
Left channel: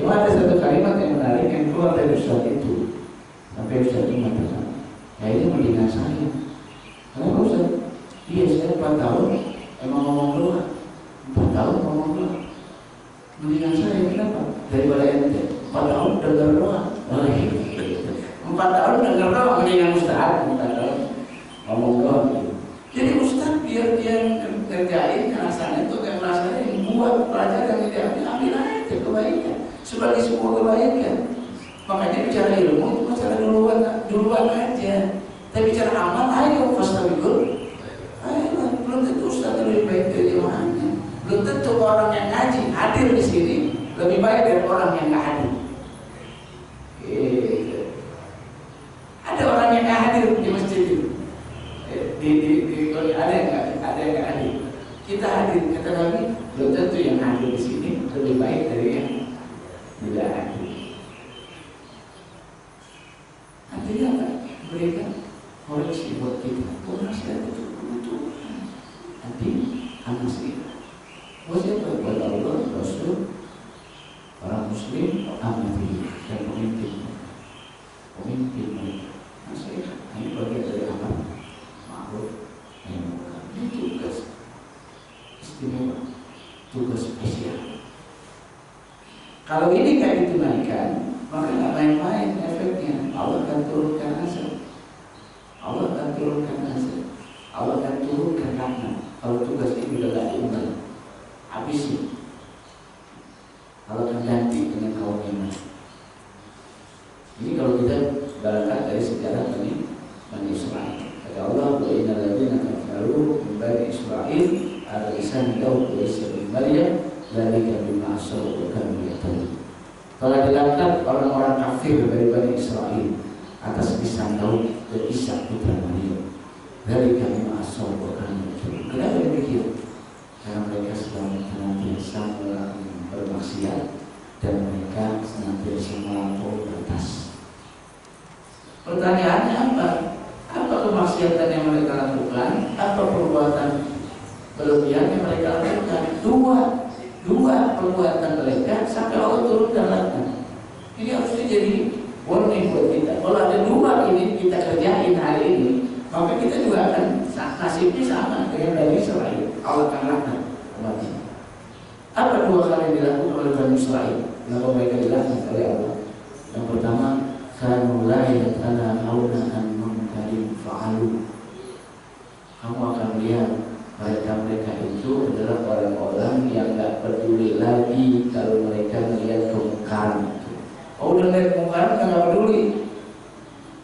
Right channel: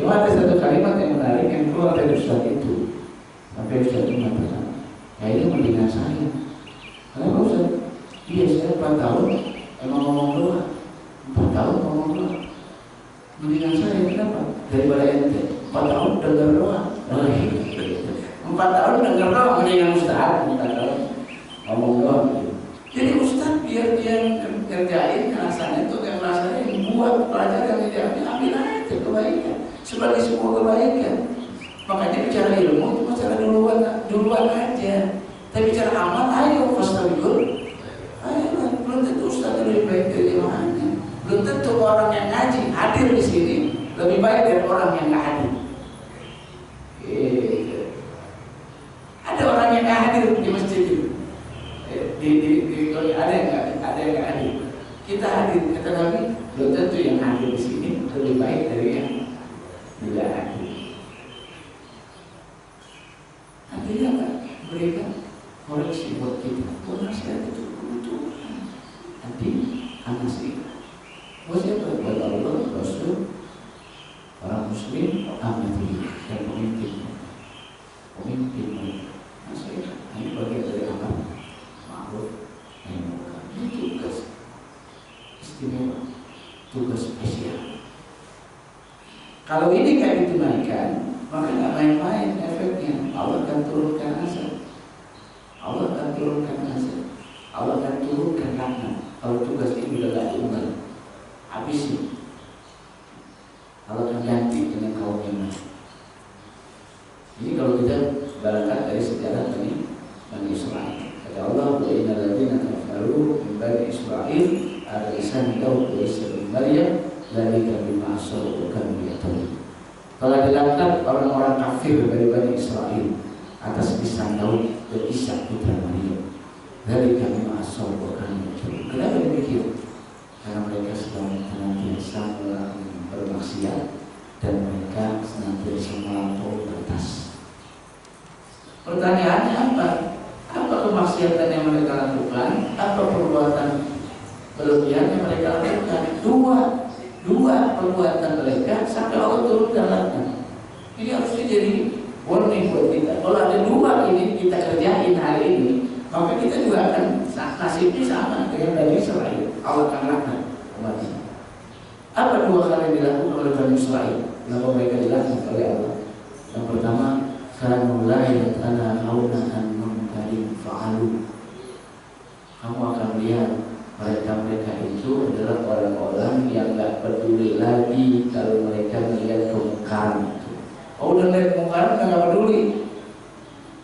Cuma ada satu kalimat yang menarik yang keluar dari Ustaz itu, sampai Ustaz itu mengatakan, kayaknya mendingan saya. Kenapa Ustaz? Iya, saya 4 tahun emang ngomong doang, 4 tahun ngomong doang. Mendingan saya, kenapa? Daripada ente 4 tahun dengar doang. 4 tahun dengar doang, mendingan Ustaz 4 tahun ngomong doang. Jadi Ustaz biar dia ngerjain alasannya itu, yang alasannya buat pelajaran yang dia ambil aja kebaikan sebagai sebuah kebaikan. Makanya bicara ilmu itu bicara duluan aja. Tapi bicara amal, ayo fastabikul. Ayo, belum tentu Ustaz lebih baik dari jemaahnya. Belum tentu orang yang ngaji hadir di sini lebih baik dari orang yang nggak hadir. Ada orang yang nggak hadir di masjid itu, ada yang nggak hadir. Kita hadir, kata Nabi, belum tentu yang hadir di sini lebih baik dari yang tidak hadir. Artinya apa? Mereka koreksi buat kita. Nasihat itu kebutuhan. Nanti anak sih. Buat siapa? Buat Allah, Rasul, orang Muslim, amati dan pemimpin. Nasihat. Ini bagian dari apa? Ma'ruf nahi munkar. Ini tugas istimewa, tugas spesial. Kalau ini tidak ditunaikan, maka nggak main-main efeknya. Allah akan turunkan azab. Allah akan turunkan azab. Allah akan turunkan laknat. Kalau tugas ini sudah tidak diunggah, habisi. Allah akan ganti dengan kaum yang lain. Ini kalau kita berangkat dari sejarah Bani Israel. Kata Allah, wa innal ladzina kafaru min bani Israil ala lisan Daud wa Isa bin Maryam dzalika bima asaw wa kanu ya'tadun. Telah dilaknat orang-orang kafir dari Bani Israel atas lisan Daud dan Isa putra Maryam. Dzalika bima asaw wa kanu ya'tadun. Kenapa demikian? Karena mereka sedang senantiasa bermaksiat dan mereka senantiasa melampaui batas. Pertanyaannya apa? Apa kemaksiatan yang mereka lakukan? Apa perbuatan berlebihan yang mereka lakukan? Dua perbuatan mereka sampai Allah turunkan laknat. Ini harusnya jadi warning buat kita. Kalau ada dua ini kita kerjain hari ini, maka kita juga akan nasibnya sama dengan Bani Israel. Allah akan laknat umatnya. Apa dua hal yang dilakukan oleh Bani Israel? Kenapa mereka dilaknat oleh Allah? Yang pertama, kanu la yatanahawna an munkarin fa'alu. Kamu akan lihat mereka itu adalah orang-orang yang gak peduli lagi kalau mereka melihat kemungkaran. Oh, udah lihat kemungkaran gak peduli.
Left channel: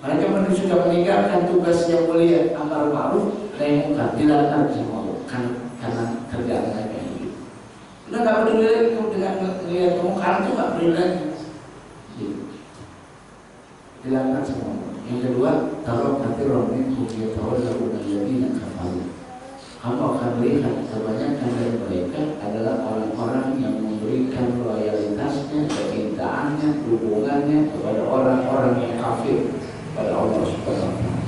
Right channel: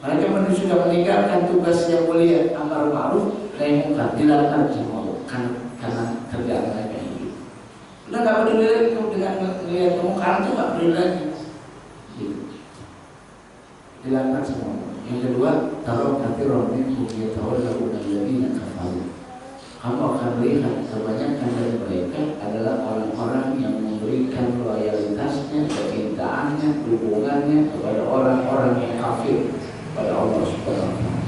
Mereka sudah meninggalkan tugas yang mulia amar ma'ruf nahi munkar, dilaknat sama Allah karena kerjaan mereka ini. Udah gak peduli lagi dengan melihat kemungkaran itu, gak peduli lagi. Dilaknat sama Allah. Yang kedua, taruh kathirun minhum yatawallawna alladziina kafaru. Kamu akan lihat kebanyakan dari mereka adalah orang-orang yang memberikan loyalitasnya, kecintaannya, dukungannya kepada orang-orang yang kafir pada Allah Subhanahu wa taala.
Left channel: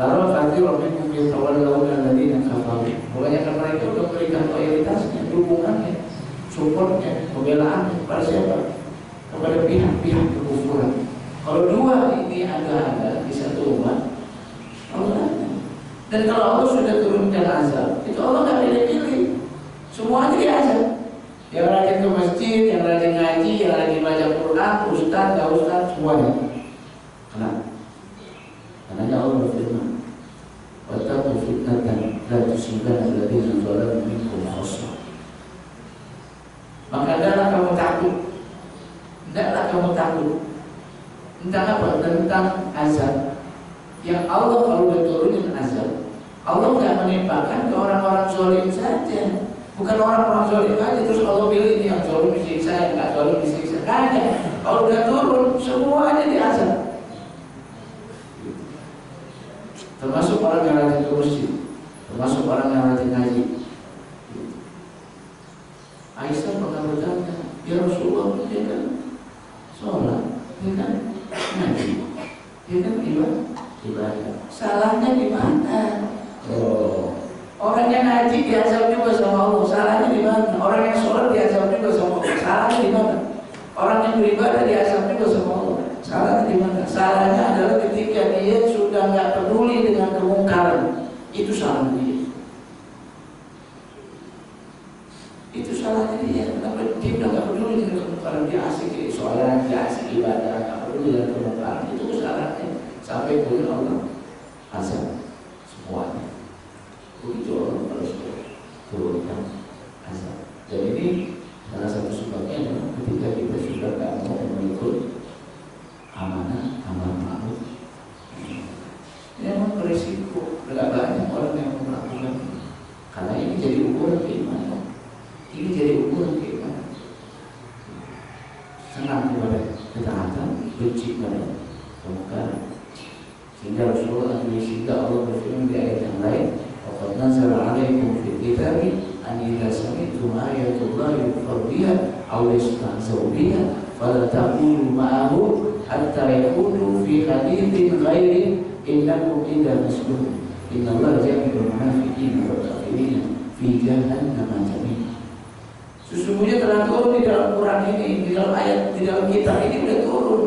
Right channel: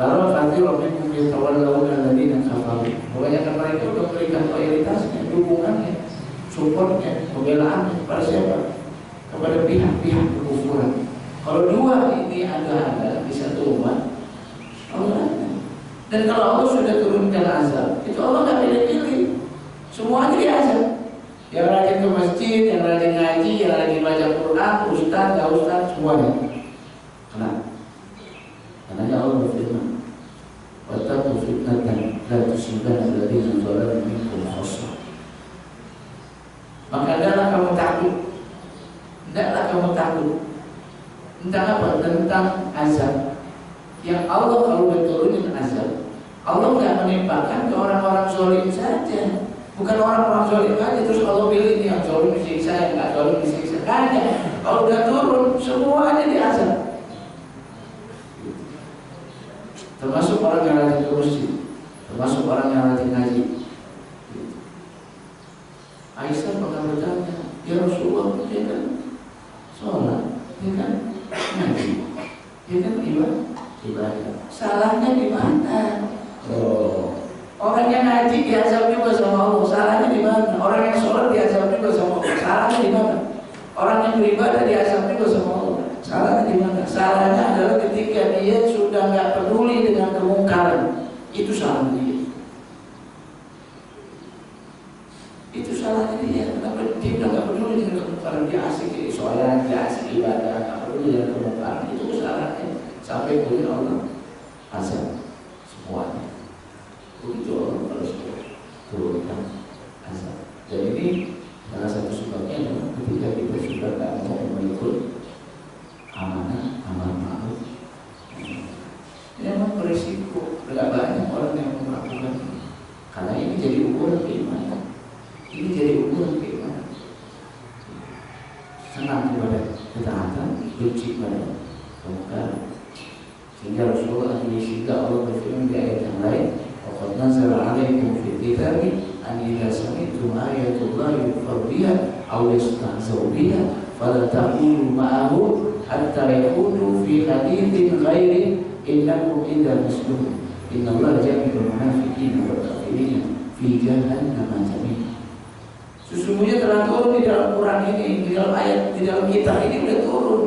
Taruh kathirun minhum yatawallawna alladziina kafaru. Kebanyakan mereka memberikan loyalitasnya, dukungannya, supportnya, pembelaannya kepada siapa? Kepada pihak-pihak kekufuran. Kalau dua ini ada di satu umat, Allah. Dan kalau Allah sudah turunkan azab, itu Allah nggak pilih-pilih, semuanya diazab. Yang rajin ke masjid, yang rajin ngaji, yang rajin baca Quran, ustaz, nggak ustaz, semuanya. Kenapa? Karena Allah berfirman, wattaqu fitnatan la tusibanna alladziina zalamu minkum khassah. Maka hendaklah kamu takut. Tentang apa? Tentang azab. Yang Allah kalau udah turunin azab, Allah nggak menimpakan ke orang-orang zalim saja. Bukan orang-orang zalim aja terus Allah pilih ini yang zalim disiksa, yang nggak zalim disiksa. Hanya kalau udah turun semuanya diazab. Termasuk orang yang rajin ke masjid, termasuk orang yang rajin ngaji. Aisyah pernah bertanya, ya Rasulullah, dia kan sholat, dia kan ngaji, dia kan ibadah. Salahnya di mana? Orang yang ngaji diazab juga sama Allah. Salahnya di mana? Orang yang sholat diazab juga sama Allah. Salahnya di mana? Orang yang beribadah diazab juga sama Allah. Salahnya di mana? Salahnya adalah ketika dia sudah nggak peduli dengan kemungkaran. Itu salahnya dia. Itu salahnya dia. Kenapa dia udah nggak peduli dengan kemungkaran? Dia asik sholat, dia asik ibadah, nggak peduli dengan kemungkaran. Itu salahnya. Sampai kemudian Allah azab semuanya. Begitu Allah harus turunkan azab. Dan ini salah satu sebabnya adalah ketika kita sudah tidak mau mengikut amanah amar ma'ruf. Ini memang berisiko. Tidak banyak orang yang melakukan ini. Karena ini jadi ukuran keimanan. Ini jadi ukuran keimanan. senang kepada ketaatan, benci pada kemungkaran. Sehingga Rasulullah sehingga Allah berfirman di ayat yang lain, "Qad nazala 'alaikum fil kitabi an idza sami'tum ayatullahi yukfar biha aw yastahza'u biha fala taqulu ma'ahu hatta yaqudu fi haditsin ghairi innakum idza misluhum innallaha jami'ul munafiqina wal kafirina fi jahannam jami'an." Sesungguhnya telah turun di dalam Quran ini, di dalam ayat, di dalam kitab ini sudah turun.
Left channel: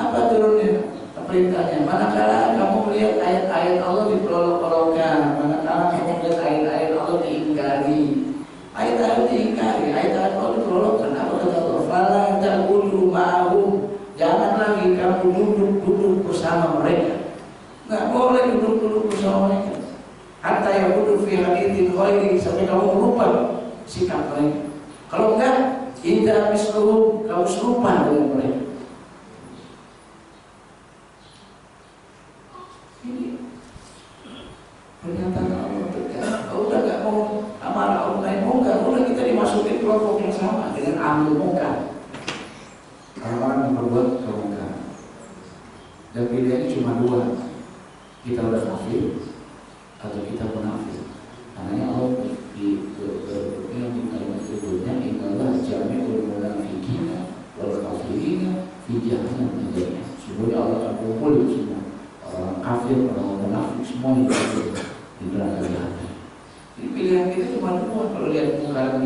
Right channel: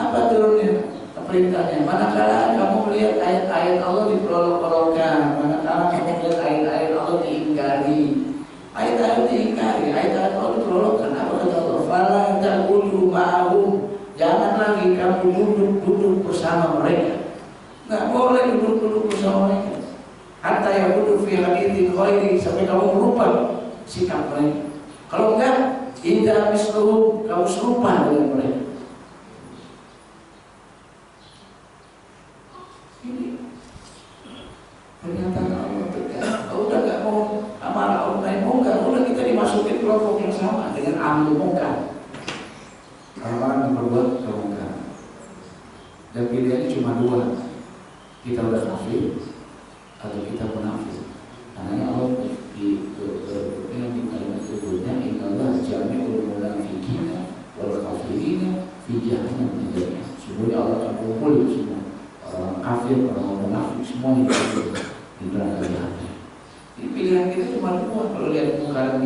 Apa turunnya? Perintahnya, manakala kamu melihat ayat-ayat Allah diperolok-olokkan, manakala kamu melihat ayat-ayat Allah diingkari, ayat-ayat diingkari, ayat-ayat Allah diperolokkan, apa kata Allah? Fala ta'budu ma'ahum, jangan lagi kamu duduk-duduk bersama mereka. Nggak boleh duduk-duduk bersama mereka. Hatta yaqudu fi haditsin ghairi, sampai kamu merubah sikap mereka. Kalau enggak, idza misluhum, kamu serupa dengan mereka. Pernyataan Allah tegas. Udah nggak mau amarah Allah naik mungkar, udah kita dimasukin kelompok yang sama dengan ahli mungkar, orang-orang yang berbuat kemungkaran. Dan pilihannya cuma dua, kita udah kafir atau kita munafik. Karena Allah di kalimat berikutnya, innallaha jami'ul munafiqina wal kafirina fi jahannam jami'an. Sebenarnya Allah akan kumpul semua orang kafir, orang munafik, semua itu di neraka jahanam. Jadi pilihan kita cuma dua. Kalau lihat kemungkaran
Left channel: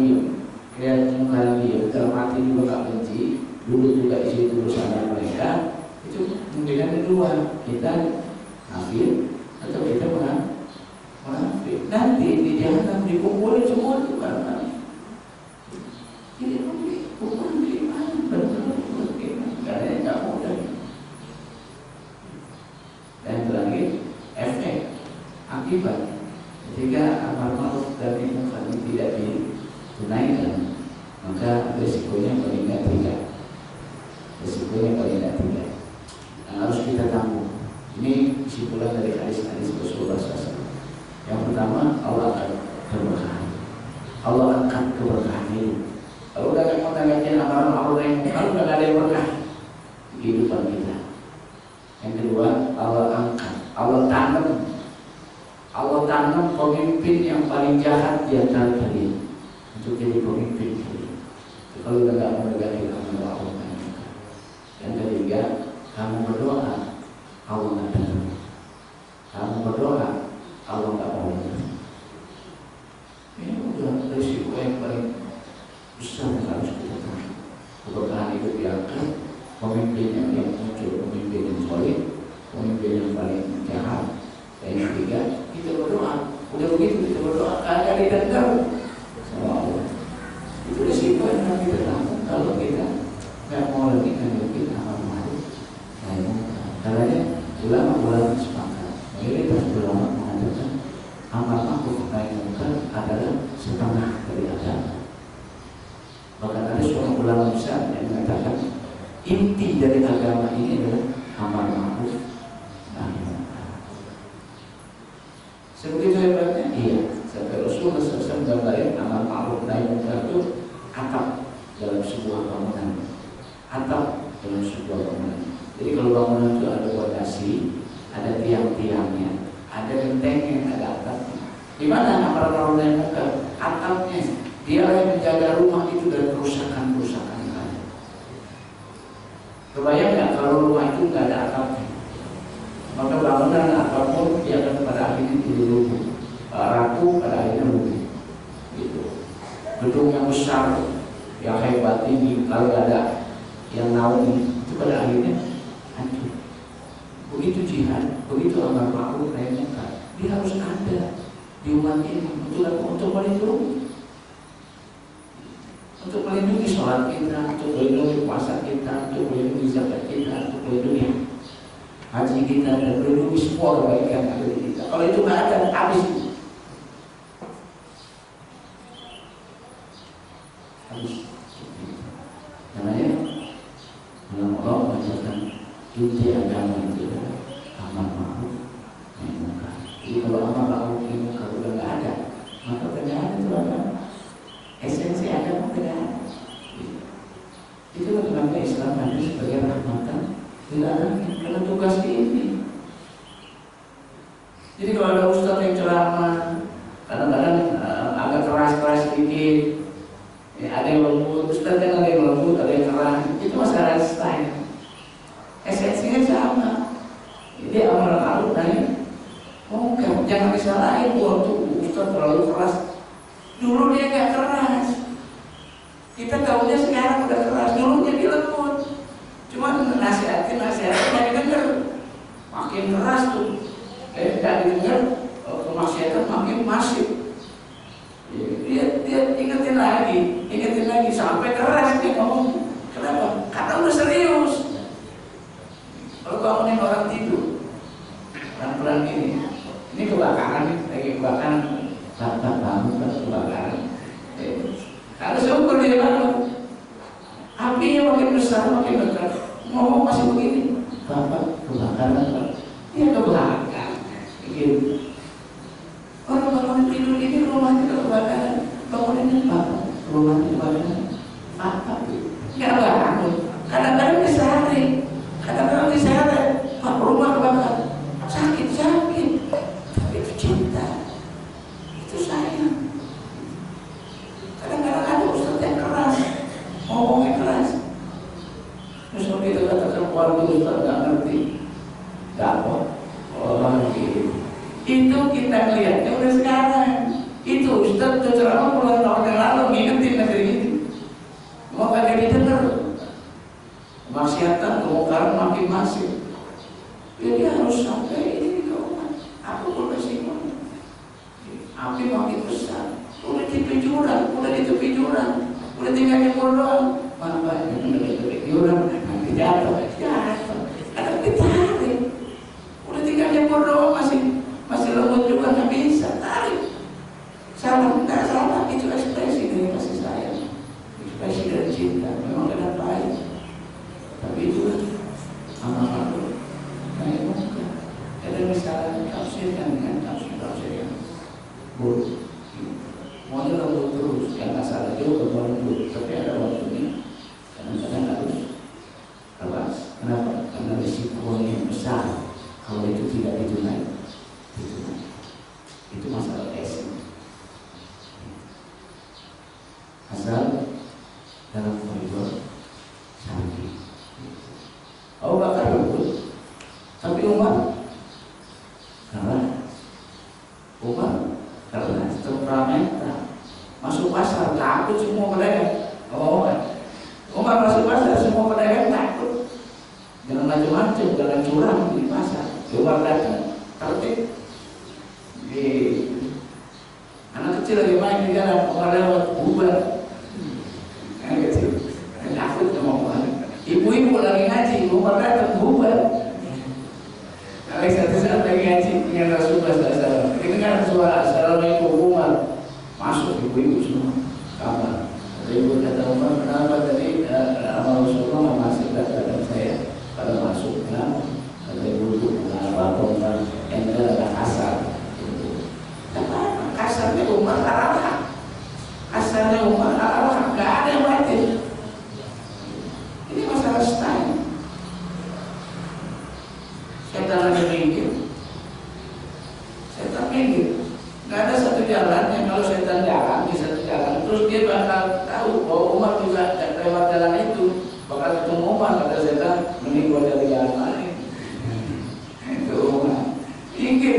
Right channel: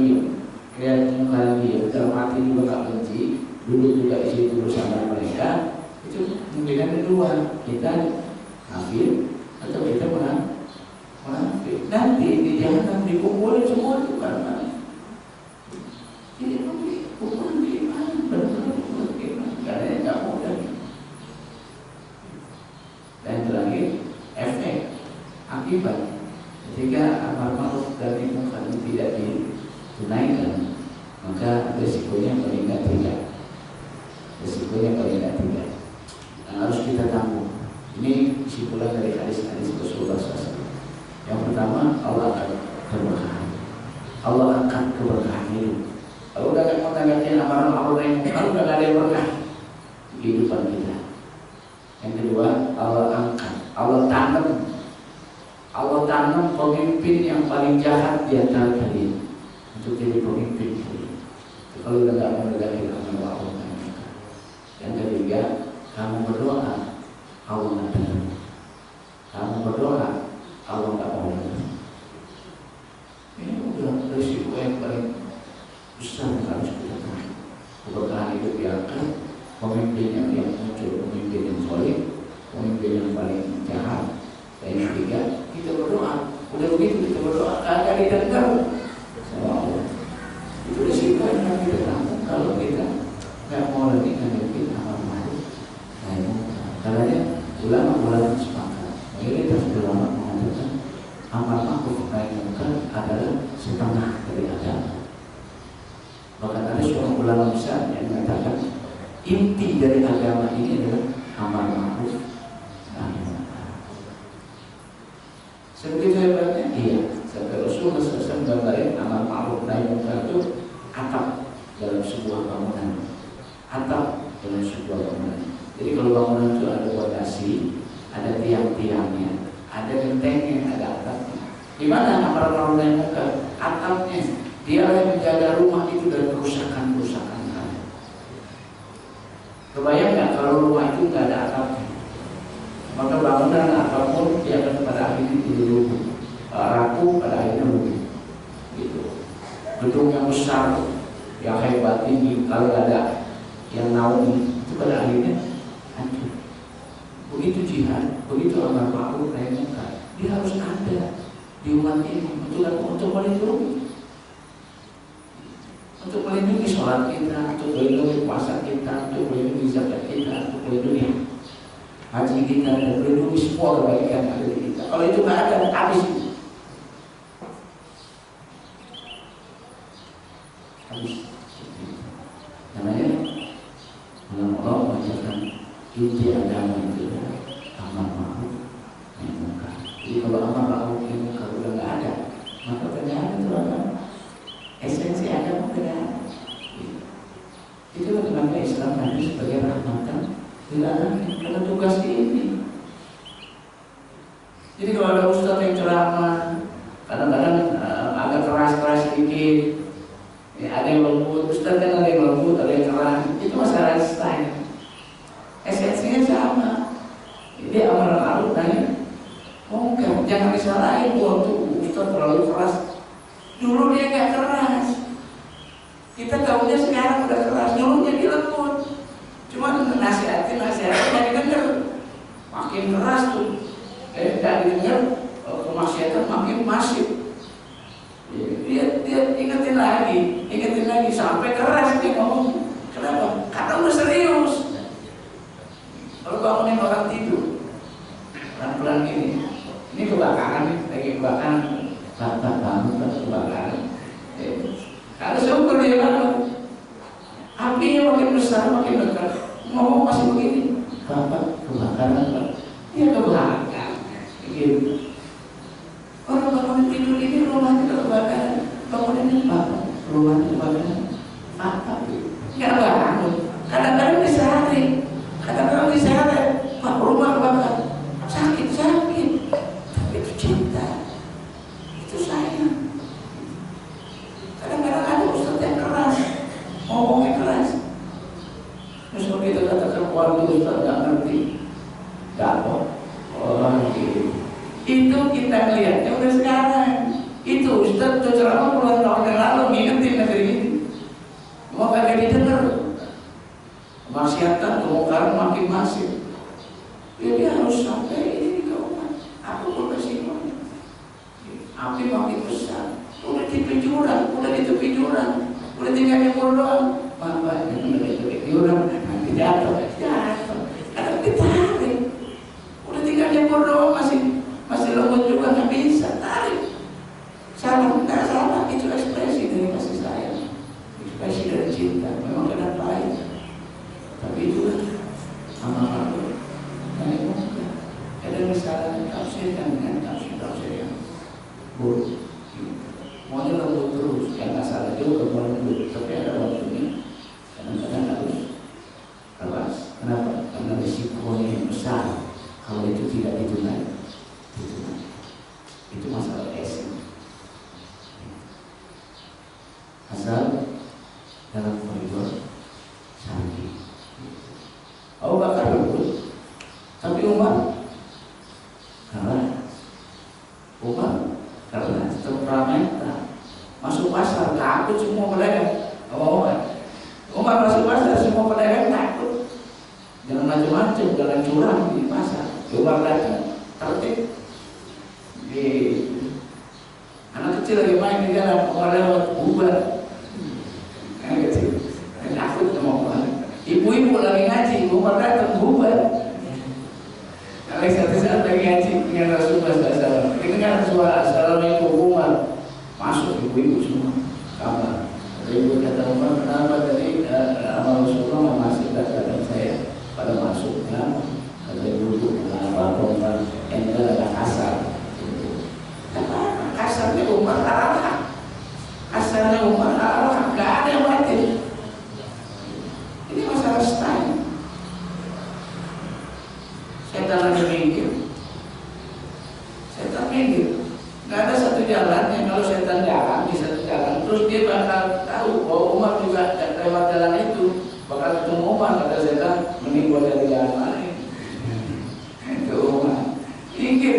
dia, dalam hati juga gak benci, dulu juga di situ bersama mereka, itu pilihan kedua, kita kafir atau kita munafik. Nanti di jahanam dikumpulin semua itu karena jadi hukuman gimana? Benar-benar gimana? Karena nggak mudah. Dan terakhir, efek akibat ketika amar ma'ruf dan nahi munkar tidak ditunaikan, maka resikonya paling tidak dan harus kita tanggung. Ini kesimpulan dari hadis-hadis Rasulullah SAW. Yang pertama, Allah akan keberkahan, Allah akan keberkahan hidup. Kalau udah nggak mau tanggapin amar ma'ruf nahi munkar, udah nggak ada yang berkah kehidupan kita. Yang kedua, Allah tanam pemimpin yang paling jahat di antara kalian untuk jadi pemimpin kalian. Kalau udah nggak mau menegakkan amar ma'ruf nahi munkar. Yang ketiga, kamu berdoa, Allah nggak dengar. Kamu berdoa, Allah nggak mau dengar. Ini udah risiko yang paling besar yang harus kita tanggung. Keberkahan hidup diangkat, pemimpin yang muncul, pemimpin yang solid, pemimpin yang paling jahat. Dan yang ketiga, kita berdoa. Udah begitu kita berdoa, kagak didengar sama Allah. Itu risiko yang harus kita tanggung kalau kita nggak mau lagi menghadapi amar ma'ruf nahi munkar. Karena ulama sepakat, mayoritas ulama mengatakan amar ma'ruf nahi munkar adalah setengah dari agama. Bahkan ada seorang ulama besar yang mengatakan inti dari agama ini adalah amar ma'ruf nahi munkar. Sebegitu hebatnya? Iya. Sampai Rasulullah SAW gambarin amar ma'ruf nahi munkar itu atap dalam sebuah bangunan. Atap dalam sebuah bangunan. Jadi kalau bangunan itu ada fondasi, ada tiang-tiangnya, ada gentengnya, ada atapnya. Di mana amar ma'ruf nahi munkar? Atapnya. Dia yang menjaga rumah itu dari kerusakan-kerusakan. Kebayang nggak kalau rumah itu nggak ada atapnya? Maka bangunan apapun dia akan pada akhirnya jadi rubuh, rapuh, pada akhirnya rubuh. Gitu. Gedung yang besar, yang hebat tinggi, kalau ada yang naungi, itu pada akhirnya hancur. Begitu jihad, begitu amar ma'ruf nahi munkar, dia harus ada di umat ini untuk melindungi sholat kita, untuk melindungi puasa kita, untuk melindungi zakat kita, untuk melindungi haji kita, dan melindungi semua kebaikan yang ada di kita. Kalau itu nggak ada, habis. Namanya Allah mengajarkan inti agama itu amar ma'ruf nahi munkar. Jadi kalau amar ma'ruf nahi munkar udah nggak ada, maka tidak ada itu agama. Esensi agama tidak ada. Itu bagaimana Islam hadir sebagai rahmatan lil alamin karena tugas ini. Jadi kalau ada ustadz yang ceramah kadang-kadang agak keras-keras sedikit, ya, ada yang lembut, ustadz kan ada yang lembut, ada yang keras, itu masalah style. Esensinya sama. Jadi amar ma'ruf nahi munkar, jangan disalahin waktu ustadz terlalu keras. Dulu dia nggak keras, kita tahunya sekarang udah keras. Dulunya dia lembut, cuma nasihatin nggak didengar, makin keras tuh. Nggak didengar, kemaksiatan makin masif. Dia ingetin lagi sampai keras dia ngomong. Kenapa? Karena udah serius. Kalau bangunin orang tidur, pelan-pelan ini kebakaran nih, lagi kebakaran. Bapak bangun kan kebakaran. Kalau syukur dia bangun, apinya makin besar, makin dekat. Ngomong masih begini, Bapak kebakaran Pak. Iya kebakaran. Gitu. Orang bangun tidur ini rumahnya kebakaran. Bangunin Bapak, rumahnya kebakaran. Apa? Nggak bangun. Kadang-kadang disehari, kadang-kadang disehari. Pak rumah kebakaran. Sakit. Tapi itu cinta. Itu sayang. Kadang-kadang ada ustadz yang keras, ngomongnya keras. Terus begitu katakan keluarga ustadz nggak ngerti, dapat orang gitu. Itu kita lihatnya udah sekarang. Itu ustadz tuh ceramah puluhan tahun yang lalu ngingetin negeri ini, mau kagak didengar. Kemaksiatan, kemungkaran makin masif. Jadi harus sampai ini ke umat. Aku beresikonya. Api makin besar. Udah di penjuran, udah di tepi jurang, udah tinggal nyemur doang. Bapak yang udah di tepi jurang, nanti jatuh. Ada ditarik. Udah tinggal nyemur doang, masih lembut juga nggak bisa tarik. Salah, nggak salah. Itu ekspresi dari kasih sayang, ekspresi dari cinta. Memang kadang baik, tapi itu amal. Nah itu ada misalnya tafsirkan dengan tafsir yang buruk. Maunya lembut terus, yang nggak salah juga mau lembut, tapi ada waktunya. Kadang-kadang harus keras. Kenapa? Karena risikonya yang besar. Kalau itu tidak ditunaikan, itu masalah esen. Asal dalam koridor syar'i. Abu Bakar lembut, tapi Umar karena temperamental. Masuk pasar takut semua pedagang. Umar masuk pasar semua pedagang takut. Jangan macam-macam, jangan curang di pasar. Umar datang tertib. Anak kecil lagi main di jalan, Umar lewat bubar. Anak kecil takut sama Umar. Ibu-ibu lagi ngaji, Umar datang bubar. Kalau satu saat lagi ngaji dengan Rasulullah SAW, ini kan suara Assalamualaikum Umar. Masuk ibu-ibu semua kamar. Ibu kata Umar, kenapa tadi amal Rasulullah nggak masuk? Kata saya pada masuk, kenapa? Kata ibu, kenapa Umar yang ada kasar? Kasarnya Umar arah, kasarnya Umar arah, nggak ada yang batin. Ini masalah style. Setan lagi minggir, setan minggir. Nggak ada satu jalan yang kalau setan jalan di satu jalan, terus dia bakal tahu bahwa Umar juga lewat jalan itu, bakal ketemu Umar. Kata setan, mending gua dari jalan lain. Itu Umar minggir.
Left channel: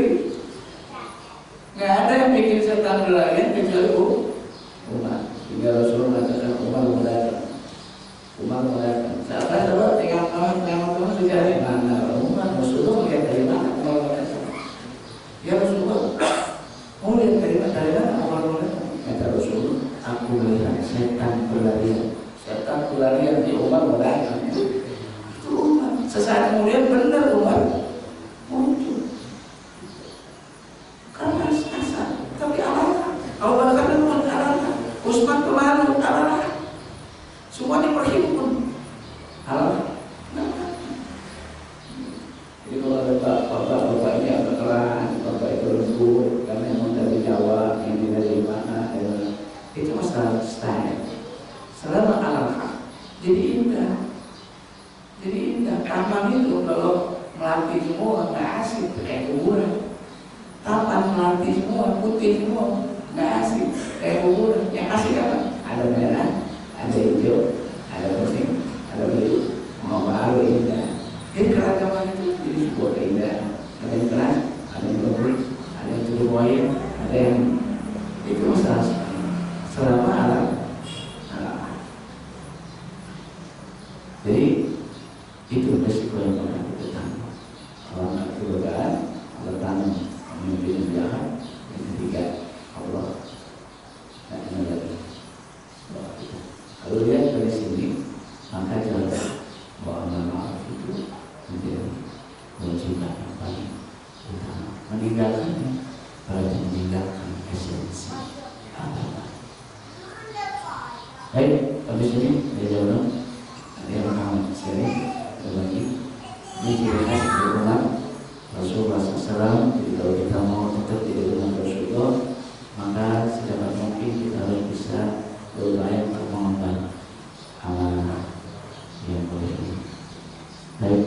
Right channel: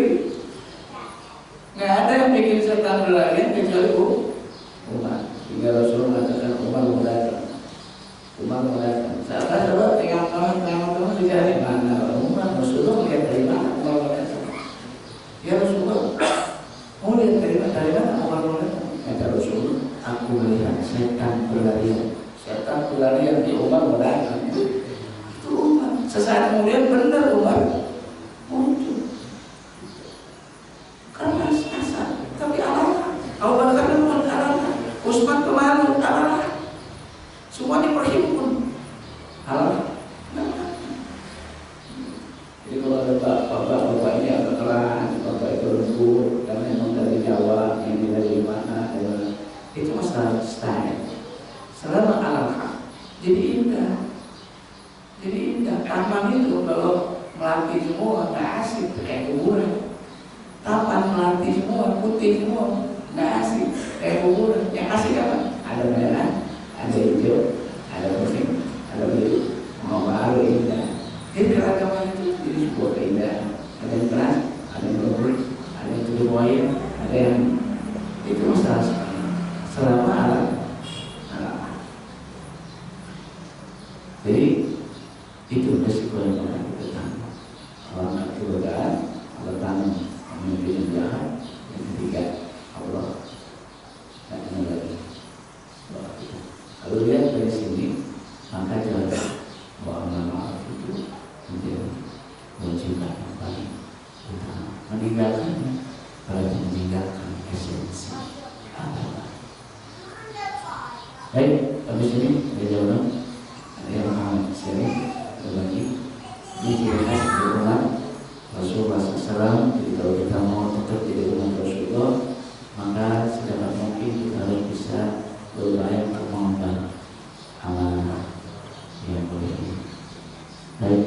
Nggak ada yang bikin setan berlarian kecuali Umar. Hingga Rasulullah katakan Umar mau datang. Sahabat tinggal teman-teman dicari mana Umar. Rasulullah melihat dari mana Umar mau datang. Ya Rasulullah, mau lihat dari mana Umar mau datang. Kata Rasulullah, aku melihat setan berlarian di Umar mau datang. Itu Umar. Sesaat kemudian benar Umar muncul. Karena asal, tapi Allah, Abu Bakar pun Allah, Utsman pemalu Allah, semua diperhimpun Allah. Jadi kalau ada bapak ini agak keras, bapak itu lembut, karena yang dari Jawa, ini dari mana, itu masalah style. Selama Allah, jadi indah. putih semua, nggak asik. Kayak bubur, yang asik apa? Ada merah, ada hijau, ada kuning, ada biru, mau baru indah. Jadi keragaman itu jadi sebuah keindahan. Ada yang keras, ada yang lembut, ada yang tujuh poin, ada yang itu masalah selama alam. Jadi itu resiko yang pernah kita tanggung. Kalau nggak kegodaan, Allah tanam pemimpin yang jahat. Yang ketiga, Allah tak kenal lagi. Kalau lihat dari sini, maka jelas bahwa amal ma'ruf itu menjadi kewajiban yang paling utama. Meninggalkannya, berarti meninggalkan esensi agama. Baik, habis ini ada jawaban. Ada yang paham sini berbagi. Ini ciri khas berulang Rasulullah SAW. Jadi kalau kita mau tetap di rumah Rasulullah, maka sedapat mungkin kita harus bisa berupaya untuk mengembang amanah yang boleh ini. Baik,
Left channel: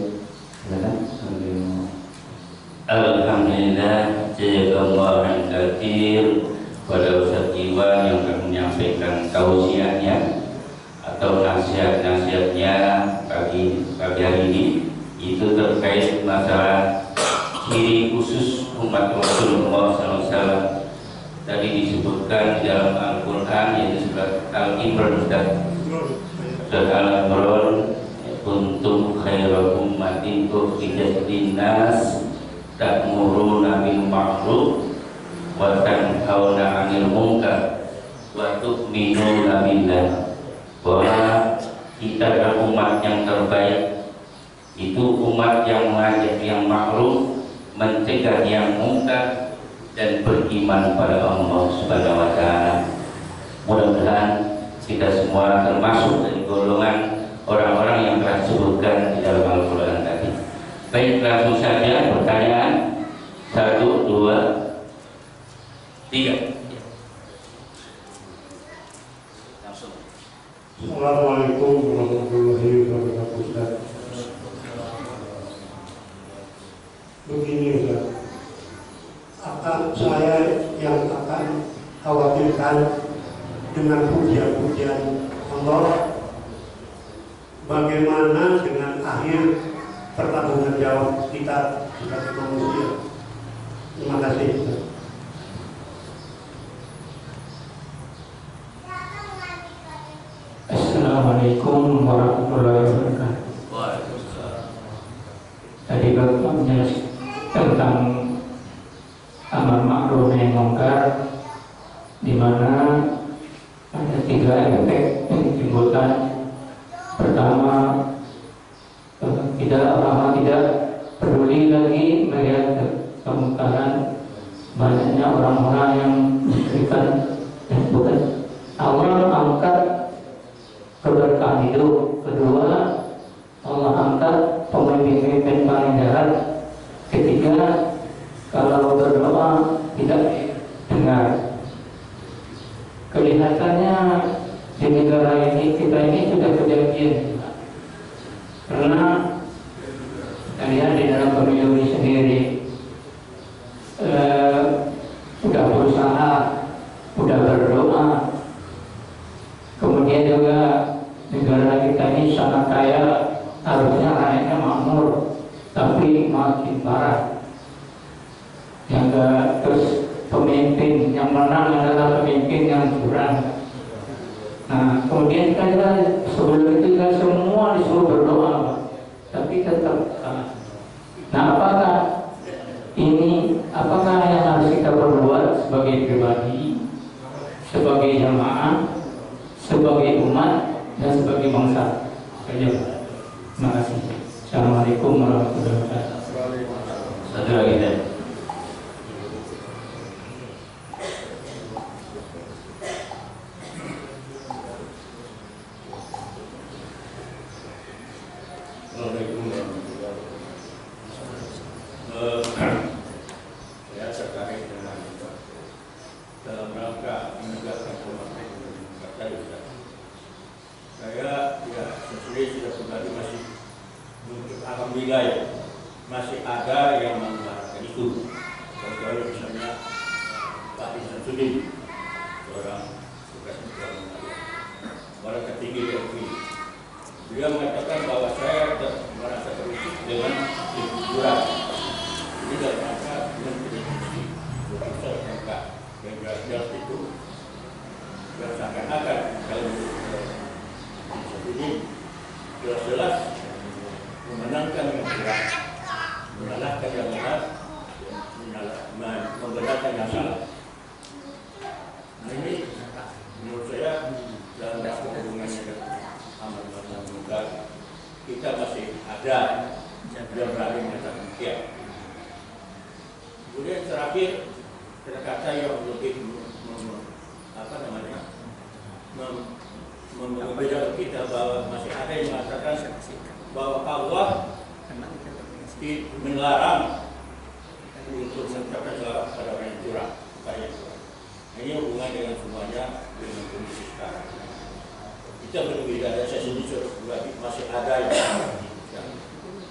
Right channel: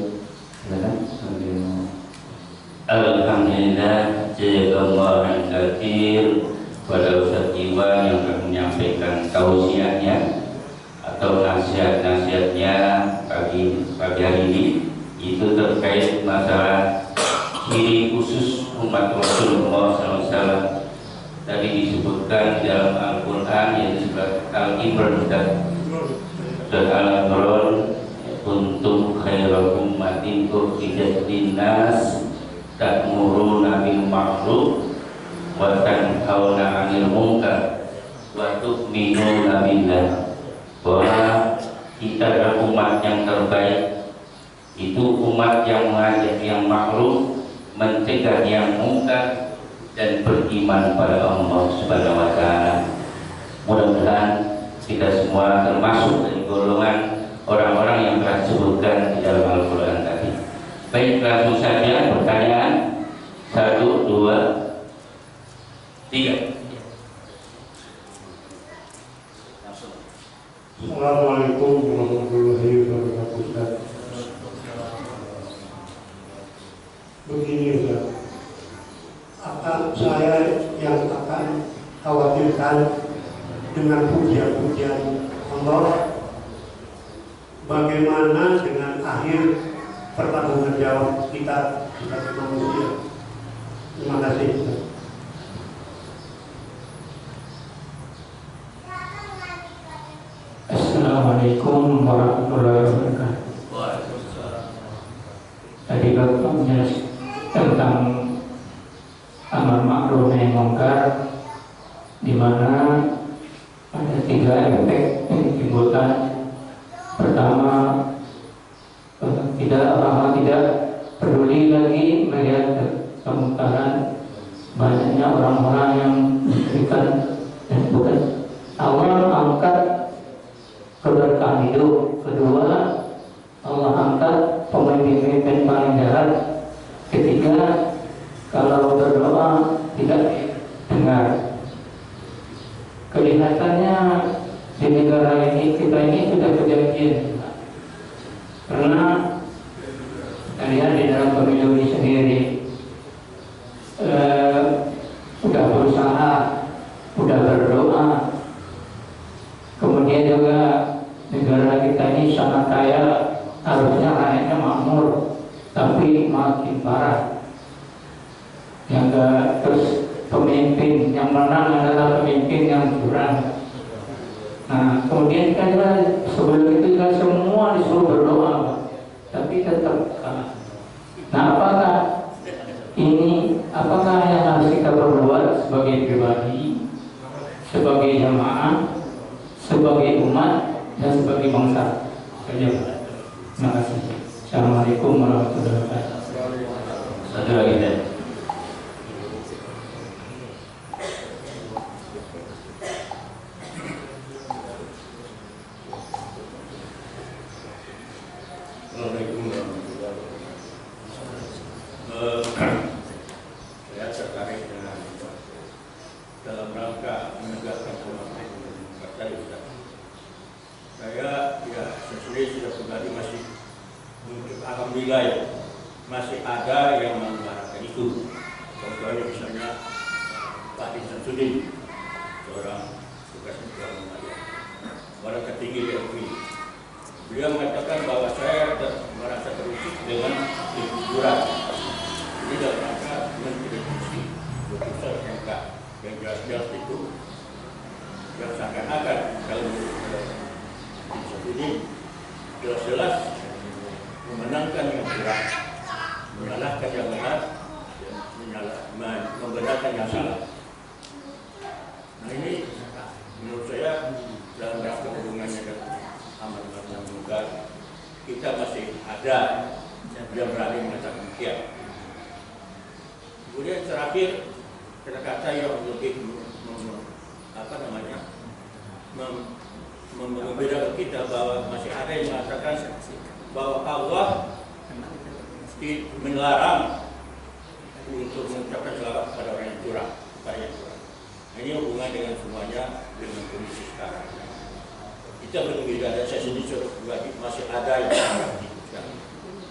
silakan kalau dia mau. Alhamdulillah, jazakallahu khairan pada Ustaz Iwan yang akan menyampaikan tausiahnya atau nasihat-nasihatnya pagi hari ini. Itu terkait masalah ciri khusus umat Rasulullah SAW. Tadi disebutkan di dalam Al-Quran, yaitu surat Al-Imran dan surat Al-Imran, kuntum khairu ummatin ukhrijat linnas ta'muruna bil ma'ruf wa tanhauna 'anil munkar wa tu'minuna billah. Bahwa kita adalah umat yang terbaik, itu umat yang mengajak yang ma'ruf, mencegah yang munkar, dan beriman pada Allah Subhanahu wa Ta'ala. Mudah-mudahan kita semua termasuk dari golongan orang-orang yang telah disebutkan di dalam Al-Quran tadi. Baik, langsung saja pertanyaan. 1, 2, 3. Assalamualaikum warahmatullahi wabarakatuh. Begini Ustaz, saya yang akan khawatirkan dengan pujian-pujian Allah, bagaimana dengan akhir pertanggungan jawab kita sebagai manusia. Terima kasih. Assalamualaikum warahmatullahi wabarakatuh. Tadi Bapak menjelaskan tentang amar ma'ruf nahi munkar, di mana ada 3 efek yang ditimbulkan. Pertama, orang tidak peduli lagi melihat kemungkaran. Banyaknya orang-orang yang memberikan bukan Allah angkat keberkahan hidup. Kedua, Allah angkat pemimpin-pemimpin paling jahat. Ketiga, kalau berdoa tidak dengar. Kelihatannya di negara ini, kita ini sudah kejadian. Karena kita lihat di dalam pemilu ini sendiri, sudah berusaha, sudah berdoa. Kemudian juga negara kita ini sangat kaya, harusnya rakyatnya makmur, tapi makin parah. Terus pemimpin yang menang adalah pemimpin yang curang. Nah, kemudian kita sebelum itu kita semua disuruh berdoa, tapi tetap kalah. Nah, apakah yang harus kita perbuat sebagai pribadi, sebagai jamaah, sebagai umat, dan sebagai bangsa? Terima kasih. Assalamualaikum warahmatullahi wabarakatuh. Satu lagi deh. Assalamualaikum warahmatullahi wabarakatuh. Saya tertarik dengan dalam rangka menegakkan politik partai Ustaz. Saya ya sendiri sudah pribadi masih alhamdulillah ya, masih ada yang mengutarakan itu. Contohnya misalnya Pak Haji Samsudin, seorang bekas ketua orang tertinggi di MUI. Beliau mengatakan bahwa saya merasa terusik dengan liburan. Ini dalam rangka mengkritisi putusan MK yang jelas-jelas itu yang seakan-akan kalau ini jelas-jelas memenangkan yang kurang, menyalahkan yang benar, membenarkan yang salah. Nah ini menurut saya dalam rangka hubungannya dengan aman dan kita masih ada yang berani mengatakan demikian. Kemudian terakhir kata-kata yang lebih membedakan kita bahwa masih ada yang mengatakan bahwa Allah melarang untuk mengucapkan selawat kepada orang yang curang. Ini hubungan dengan semuanya dengan kondisi sekarang. Kita berbeda, dan saya sendiri masih ada yang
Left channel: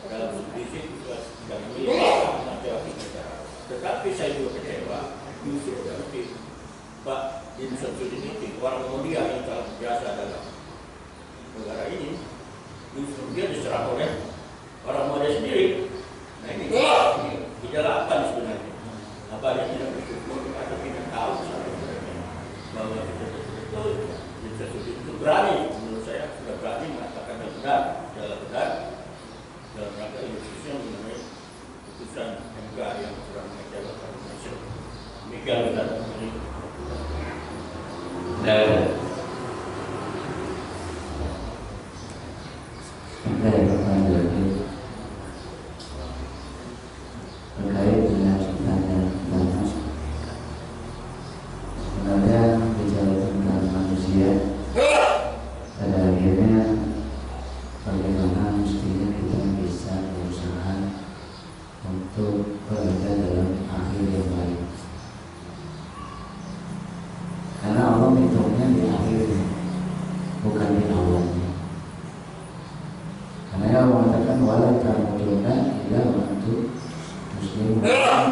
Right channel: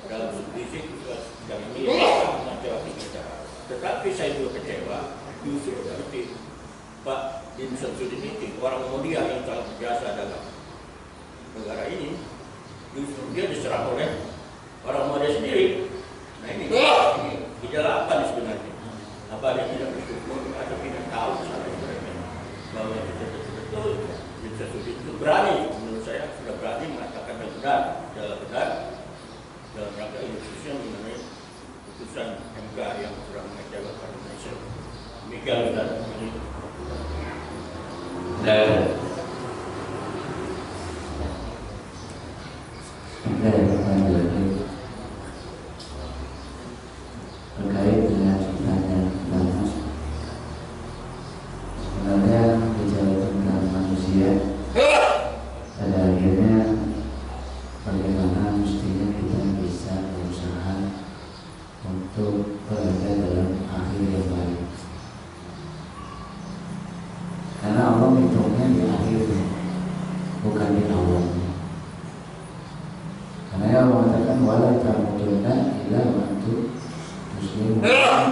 dalam subdisi yang ini tetapi saya juga kecewa justru seperti Pak Din Samsudin ini orang mulia yang sangat biasa dalam negara ini, justru dia diserang oleh orang muda sendiri. Nah ini gejala apa sebenarnya? Apa yang tidak bersyukur atau tidak tahu bahwa kita betul-betul Din Samsudin itu berani, menurut saya sudah berani mengatakan yang benar dalam rangka Indonesia mengenai putusan MK yang sudah mengecewakan Indonesia. Demikian Ustaz. Dan terkait dengan tanya Mas, sebenarnya bicara tentang manusia, pada akhirnya bagaimana mestinya kita bisa berusaha untuk berada dalam akhir yang baik. Karena Allah hitungnya di akhirnya, bukan di awalnya. Karena Allah mengatakan wala tamutunna illa wa antum muslimun,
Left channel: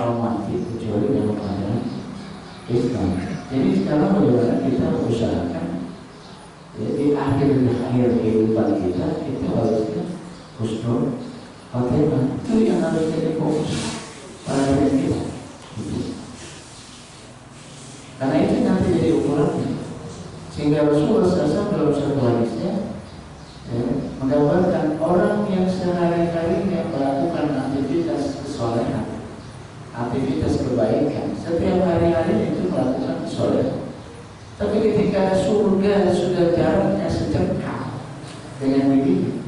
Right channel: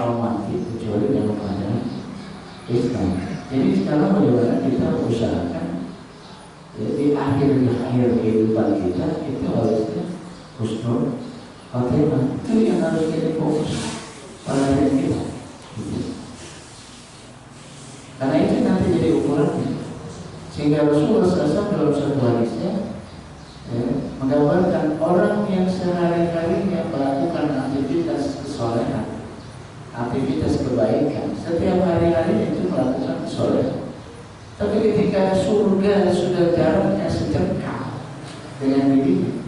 mau mati kecuali dalam keadaan Islam. Jadi sekarang bagaimana kita usahakan di akhir kehidupan kita itu harusnya husnul khotimah. Itu yang harus jadi fokus pada diri kita. Karena itu nanti jadi ukurannya. Sehingga Rasulullah SAW dalam satu hadisnya menggambarkan orang yang sehari-harinya melakukan aktivitas kesolehan, aktivitas kebaikan, setiap hari-hari itu melakukan kesolehan. Tapi ketika surga sudah jaraknya sejengkal dengan diri,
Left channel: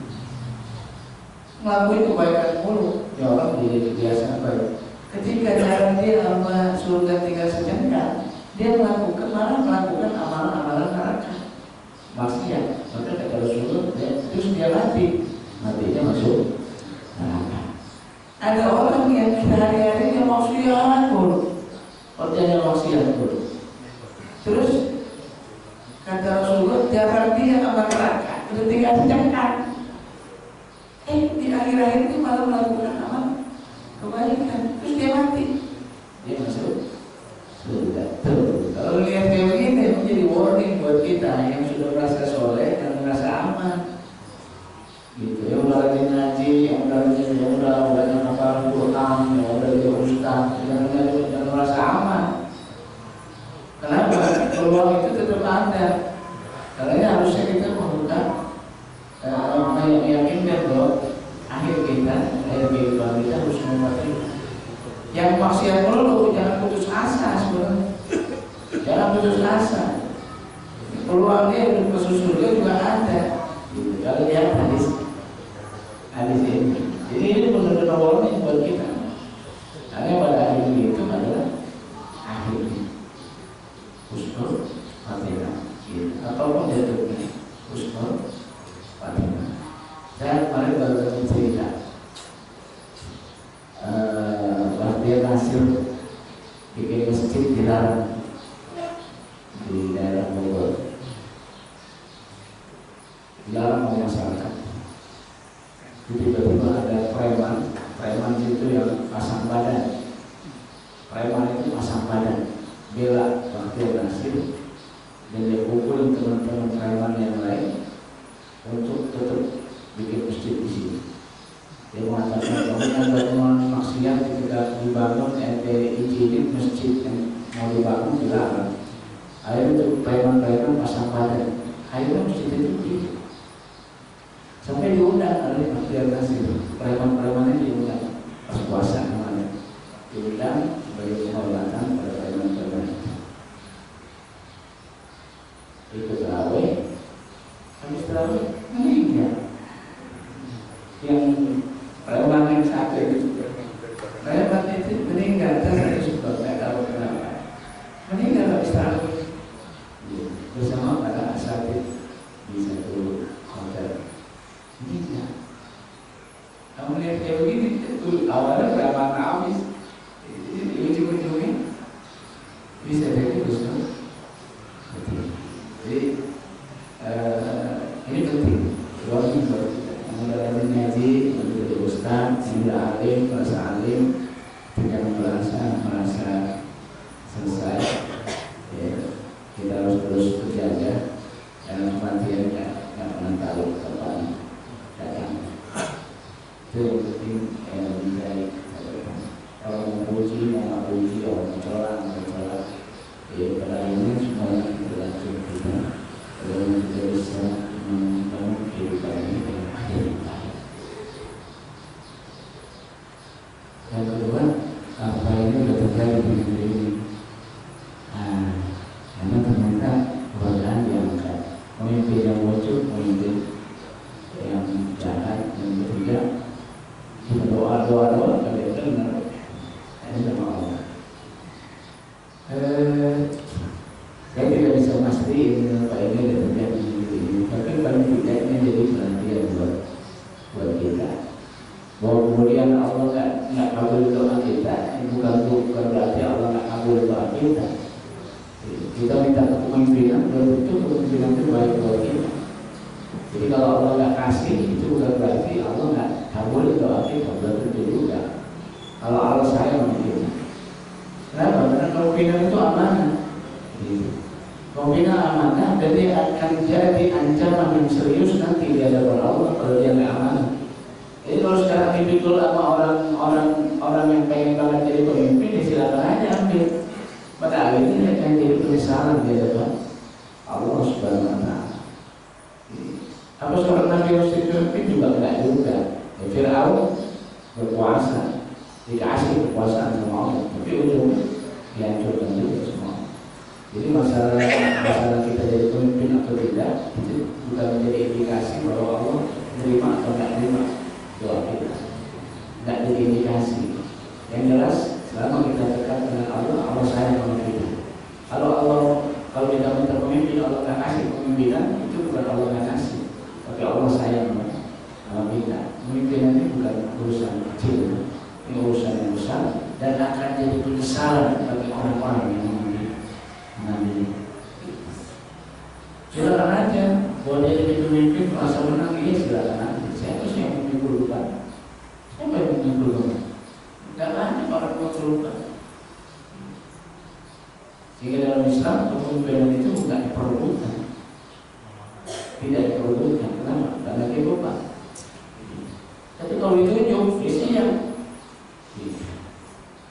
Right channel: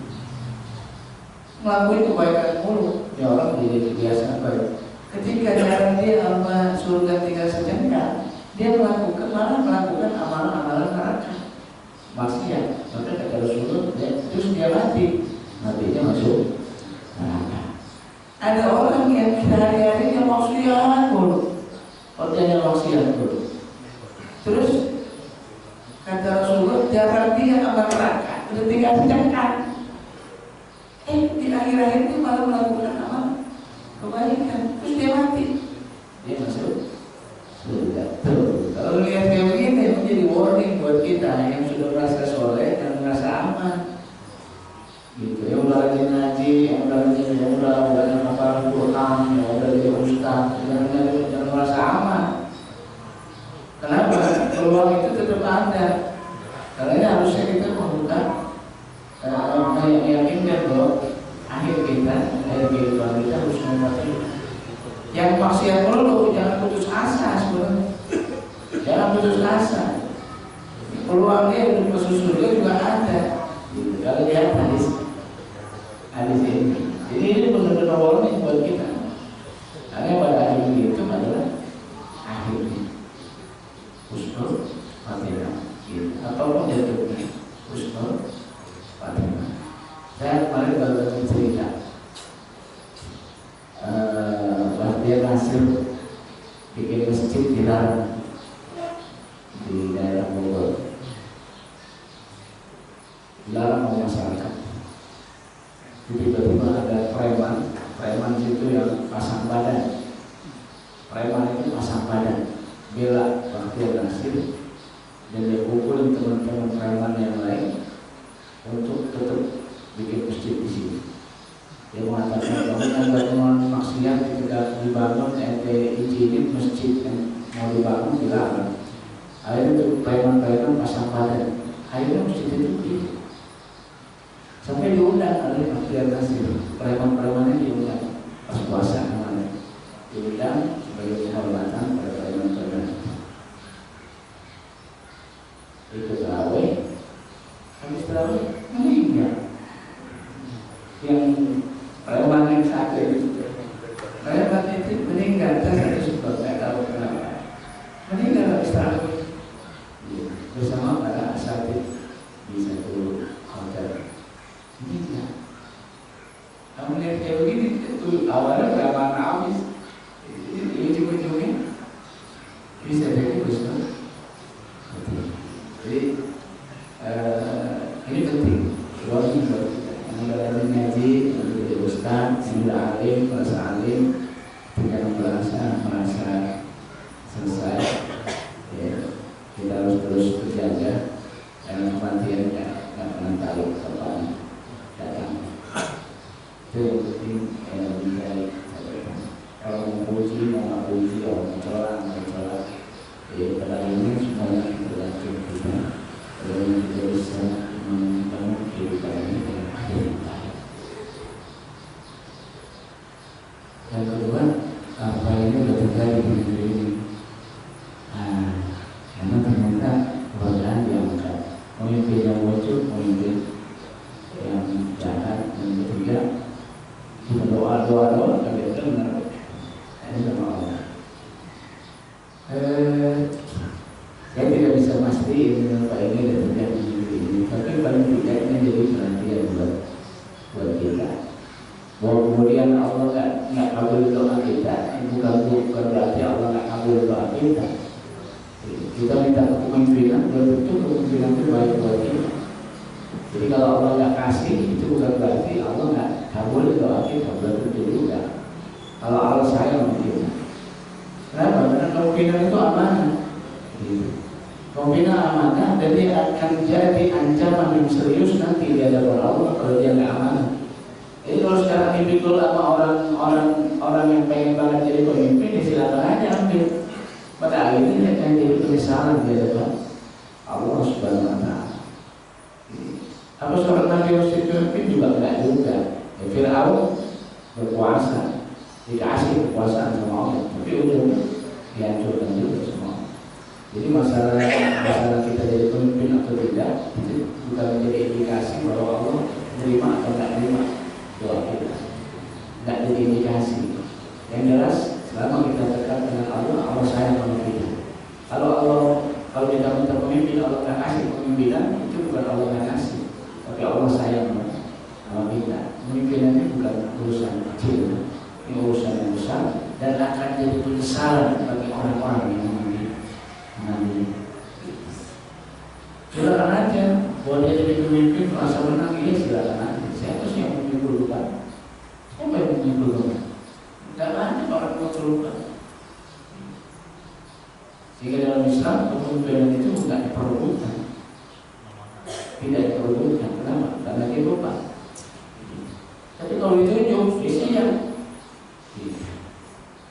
melakukan kebaikan mulu, ya orang jadi kebiasaan baik. Ketika jarak dia sama surga tinggal sejengkal, dia melakukan amalan-amalan neraka, maksiat. Maka kata Rasulullah, terus dia matinya masuk neraka. Ada orang yang sehari-harinya maksiat mulu, orangnya maksiat mulu. Terus kata Rasulullah, jarak dia sama neraka udah tinggal sejengkal. Di akhir-akhir itu malah melakukan amal kebaikan, terus dia mati, dia masuk surga. Tuh, kalau lihat kayak begini menjadi warning buat kita yang sudah merasa soleh dan merasa aman. Gitu, yang udah rajin ngaji, yang udah hafal Quran, yang udah jadi ustaz, yang merasa aman. Kenapa? Peluang itu tetap ada. Karena harusnya kita membuka, meyakinkan bahwa akhir kehidupan kita harus mematuhi. Yang maksiat mulu jangan putus asa sebenarnya. Jangan putus asa. Peluangnya untuk masuk surga juga ada. Gitu. Kalau lihat hadis ini. Jadi ini benar-benar warning buat kita. Karena pada akhir itu adalah akhirnya husnul khotimah. Ataupun jatuhnya husnul khotimah. Saya kemarin baru cerita. Dia hasil bikin masjid di daerah Bogor, dilarang oleh masyarakat. Tiba-tiba ada preman itu yang pasang badan. Preman itu pasang badan bela Bakhtiar Nasir dan dia pukul teman-teman preman yang lain untuk tetap bikin masjid di sini. Dia mengatakan kamu yang bangun maksiat ketika dibangun ente izinin masjid yang mau dibangun dilarang. Akhirnya itu preman-preman pasang badan. Akhirnya masjid itu gitu. Sampai diundang oleh Bakhtiar Nasir, preman-premannya diundang pas puasa kemarin, diundang sebagai penghormatan pada preman-preman. Ikut terawih, habis terawih meninggal. Yang preman yang satu itu, preman itu meninggal, saya satu sebab tidak tahu kenapa. Meninggal habis terawih bersama para asatidz di satu hotel. Iya. Kamu lihat kayak begini, itu awalnya preman habis, ujung-ujungnya bisa jadi Gusno. Jadi ini penting. Luar biasa. Yang udah ngaji, yang jadi ustaz, yang udah alim, merasa alim, tidak merasa selesai. Ya, kita harus terus berjaga dalam kematian nggak pernah tahu kapan datang. Itu yang penting bisa kalau mau puji mau nggak puji, kalau mau celah mau celah, pada ini semuanya berlaku kita. Kalau kita bisa membangun kehidupan ini dengan akhir. Yang kedua, apa ini sudah terjadi di negeri ini? Karena ternyata keberadaan diangkat. Pemimpin yang bocor, pemimpin yang jahat, yang ketiga doa kalian dengar ini sama Allah. Saya tidak bisa mastiin apa ini ada terjadi di negeri ini, tapi paling tidak ini jadi perhatian buat kita. Bahwa kemudian Allah nggak kabul doa kita, bukan berarti Allah nggak kabul doa kita. Kita minta kepemimpinan, belum tentu kepemimpinan itu baik buat kita. Jadi kalau Allah nggak kasih, itu bukan berarti Allah nggak kabul doa kita, belum tentu juga. Kalau Allah sayang sama kita. Kenapa? Karena kepemimpinan itu amanah. Kepemimpinan amanah, dan dia akan jadi ancaman yang serius nanti di hadapan Allah kalau dia nggak amanah. Jadi kalau sekarang dipikul sama orang yang pengen banget jadi pemimpin, ya silakan aja ambil. Pada akhirnya dia akan jadi penyesalan di hadapan Allah Subhanahu Wa Taala. Apa seorang Nabi harus jadi pemimpin juga enggak juga. Ya, Fir'aun berkuasa, dikasih kekuasaan sama Allah, tapi ujungnya dihancurkan juga semua. Jadi masalah kita jadi pemimpin atau tidak itu bukan menjadi indikasi bahwa Allah menerima atau tidak menerima doa kita. Tidak jadi indikasi. Yang jelas selama kita dekat dengan Allah, Allah sayang sama kita. Kalau kita minta pemimpin, Allah nggak kasih kepemimpinan, itu bukan Allah nggak kasih, tapi Allah sayang sama kita. Pemimpinan ini bukan urusan kecil, ini urusan yang besar dan akan jadi penyesalan bagi orang-orang yang mengambil. Silakan aja, boleh jadi pemimpin merasa menang, iya silakan aja. Siapa sih yang memikirkan? Siapa yang memikirkan? Tidak banyak orang yang terlupa. Sehingga dalam Islam kepemimpinan itu bukan diperlukan, tidak diperlukan. Kenapa? Karena dia lupa. Tapi kalau ditunjuk, isinya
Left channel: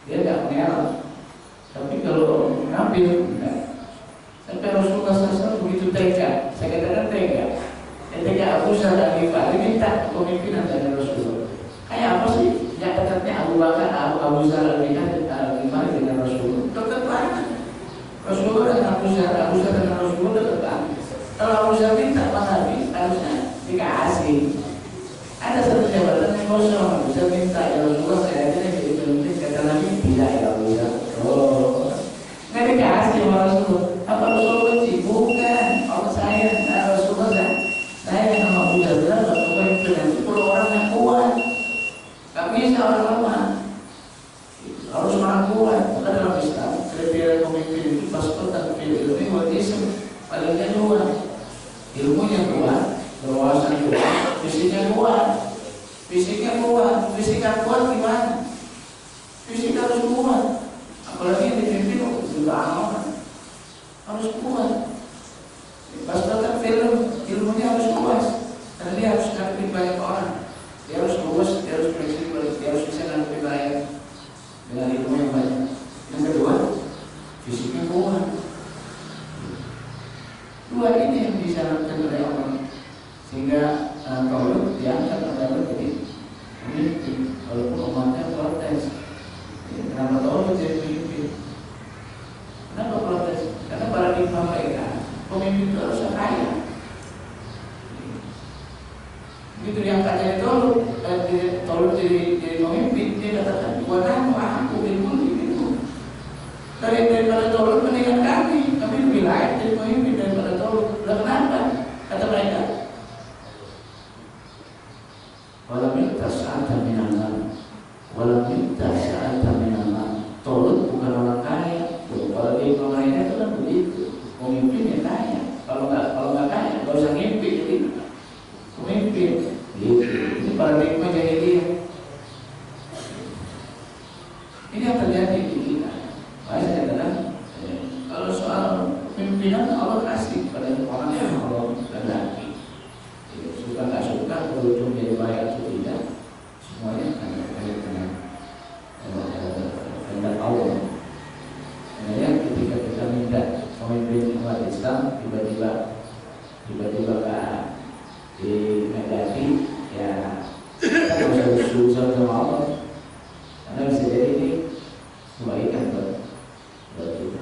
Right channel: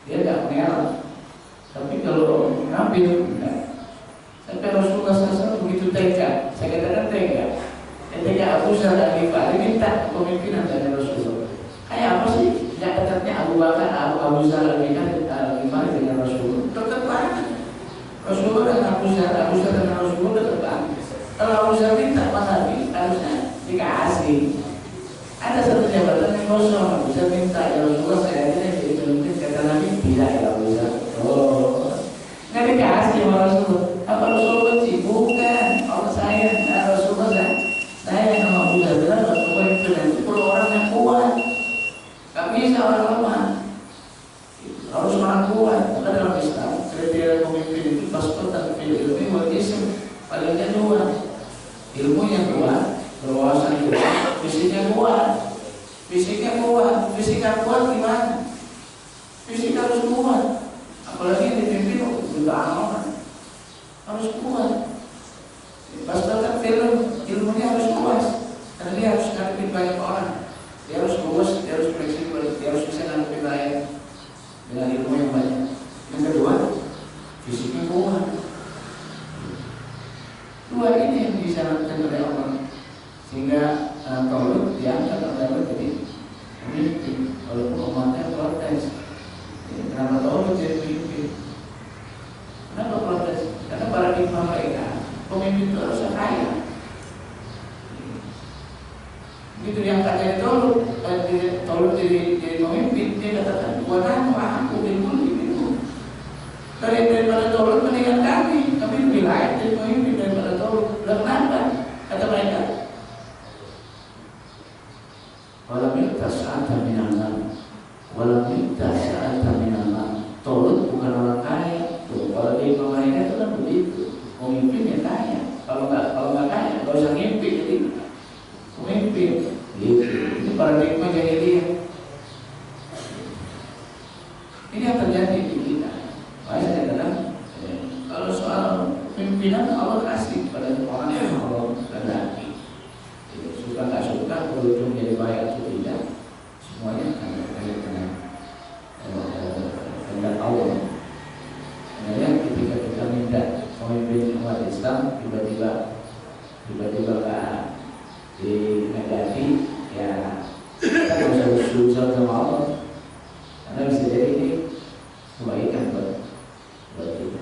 dia tidak mengelak. Tapi kalau ngambil, sampai Rasulullah SAW begitu tega. Saya katakan tega. Tega Abu Zar Al-Ghifari minta kepemimpinan dari Rasulullah. Kayak apa sih? Yang dekatnya Abu Bakar, Abu Zar Al-Ghifari dengan Rasulullah. Dekat banget. Rasulullah dan Abu Zar dengan Rasulullah dekat banget. Kalau Abu Zar minta Pak Nabi, harusnya dikasih. Ada satu jabatan yang kosong, Abu Zar minta ya Rasulullah saya aja jadi pemimpin. Kata Nabi tidak ya Abu Zar. Oh, nggak dikasih sama Rasulullah. Apa Rasulullah benci? Bukan. Allah sayang. Rasulullah sayang sama Abu Zar. Kenapa? Kepemimpinan itu perlu orang yang kuat. Gak bisa orang lemah, harus orang kuat. Maka dalam Islam kriteria pemimpin itu pasukan ilmu wajib palingnya dua, ilmunya kuat, berwawasan kuat, fisiknya kuat. Fisiknya kuat gimana? Fisik harus kuat. Apalagi dipimpin jutaan orang harus kuat. Pas nonton film ilmunya harus luas, karena dia harus ngadepin banyak orang. Dia harus luas, dia harus fleksibel, dia harus bisa ngadepin banyak dengan ilmu yang banyak. Yang kedua, fisiknya kuat. Dua ini yang disyaratkan oleh Allah, sehingga Taulut diangkat oleh Allah jadi pemimpin, walaupun umatnya protes. Kenapa Taulut jadi pemimpin? Kenapa protes? Karena paradigma mereka pemimpin itu harus kaya. Begitu diangkatnya Taulut jadi pemimpin, dia katakan, "Buatan aku bilkul itu." Daripada Taulut mendingan kami lebih layak jadi pemimpin daripada Taulut. Kenapa? Kata mereka, walau minta sa'ata minallah, walau minta sa'ata minallah. Taulut bukan orang kaya. Kalau di mereka itu kan begitu, pemimpinnya kaya. Kalau nggak kaya, nggak usah ngimpi jadi pemimpin. Gitu. Ini paradigma jahiliyah. Ini yang terjadi di kita. Makanya adalah kalau soal pimpinan Allah kasih pada orang yang Allah kehendaki. Suka nggak suka, berujung jadi baik atau tidak, semuanya akan terkait dengan kehendak Allah. Kemudian ketika kita minta pemimpin umat Islam tiba-tiba dihadapi, ya kita nggak usah berusaha sama Allah, karena bisa jadi ini kebaikan buat kita.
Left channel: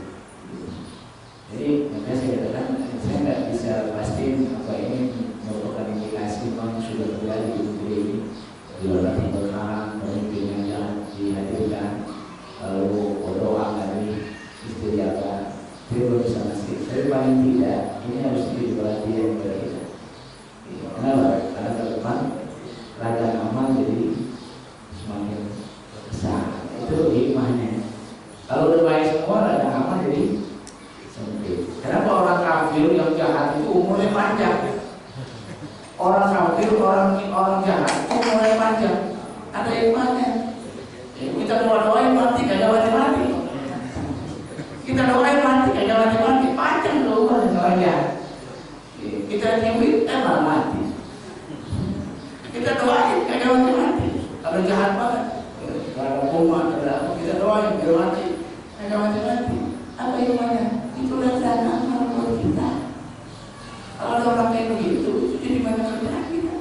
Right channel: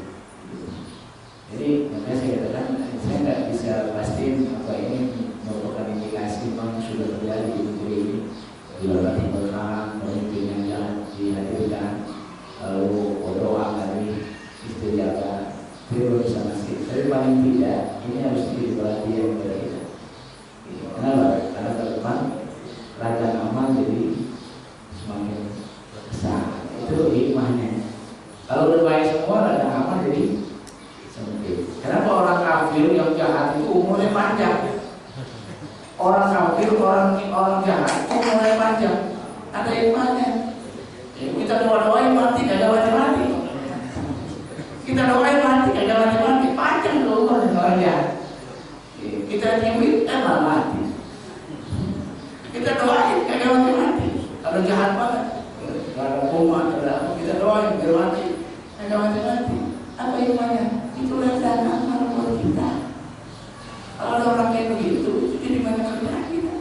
Jadi makanya saya katakan, saya nggak bisa pastiin apa ini merupakan indikasi memang sudah terjadi di negeri ini. Di luar berkah, pemimpin yang dihadirkan, lalu berdoa dari istiadat, itu belum bisa masih. Tapi paling tidak ini harus jadi perhatian bagi kita. Kenapa? Karena ke depan ladang amal jadi semakin besar. Itu hikmahnya. Kalau udah baik semua, ladang amal jadi sempit. Kenapa orang kafir yang jahat itu umurnya panjang? Orang kafir, orang jahat umurnya panjang. Ada hikmahnya. Kita doain mati, kagak mati-mati. Kita doain mati, kagak mati-mati. Panjang tuh umurnya orang jahat. Kita nyuwit, malah mati. Kita doain, kagak mati-mati. Kalau jahat banget, kalau kumat, kita doain, biar mati, kagak mati-mati. Apa hikmahnya? Itu ladang amal buat kita. Kalau ada orang kayak begitu, itu jadi banyak kerjaan kita.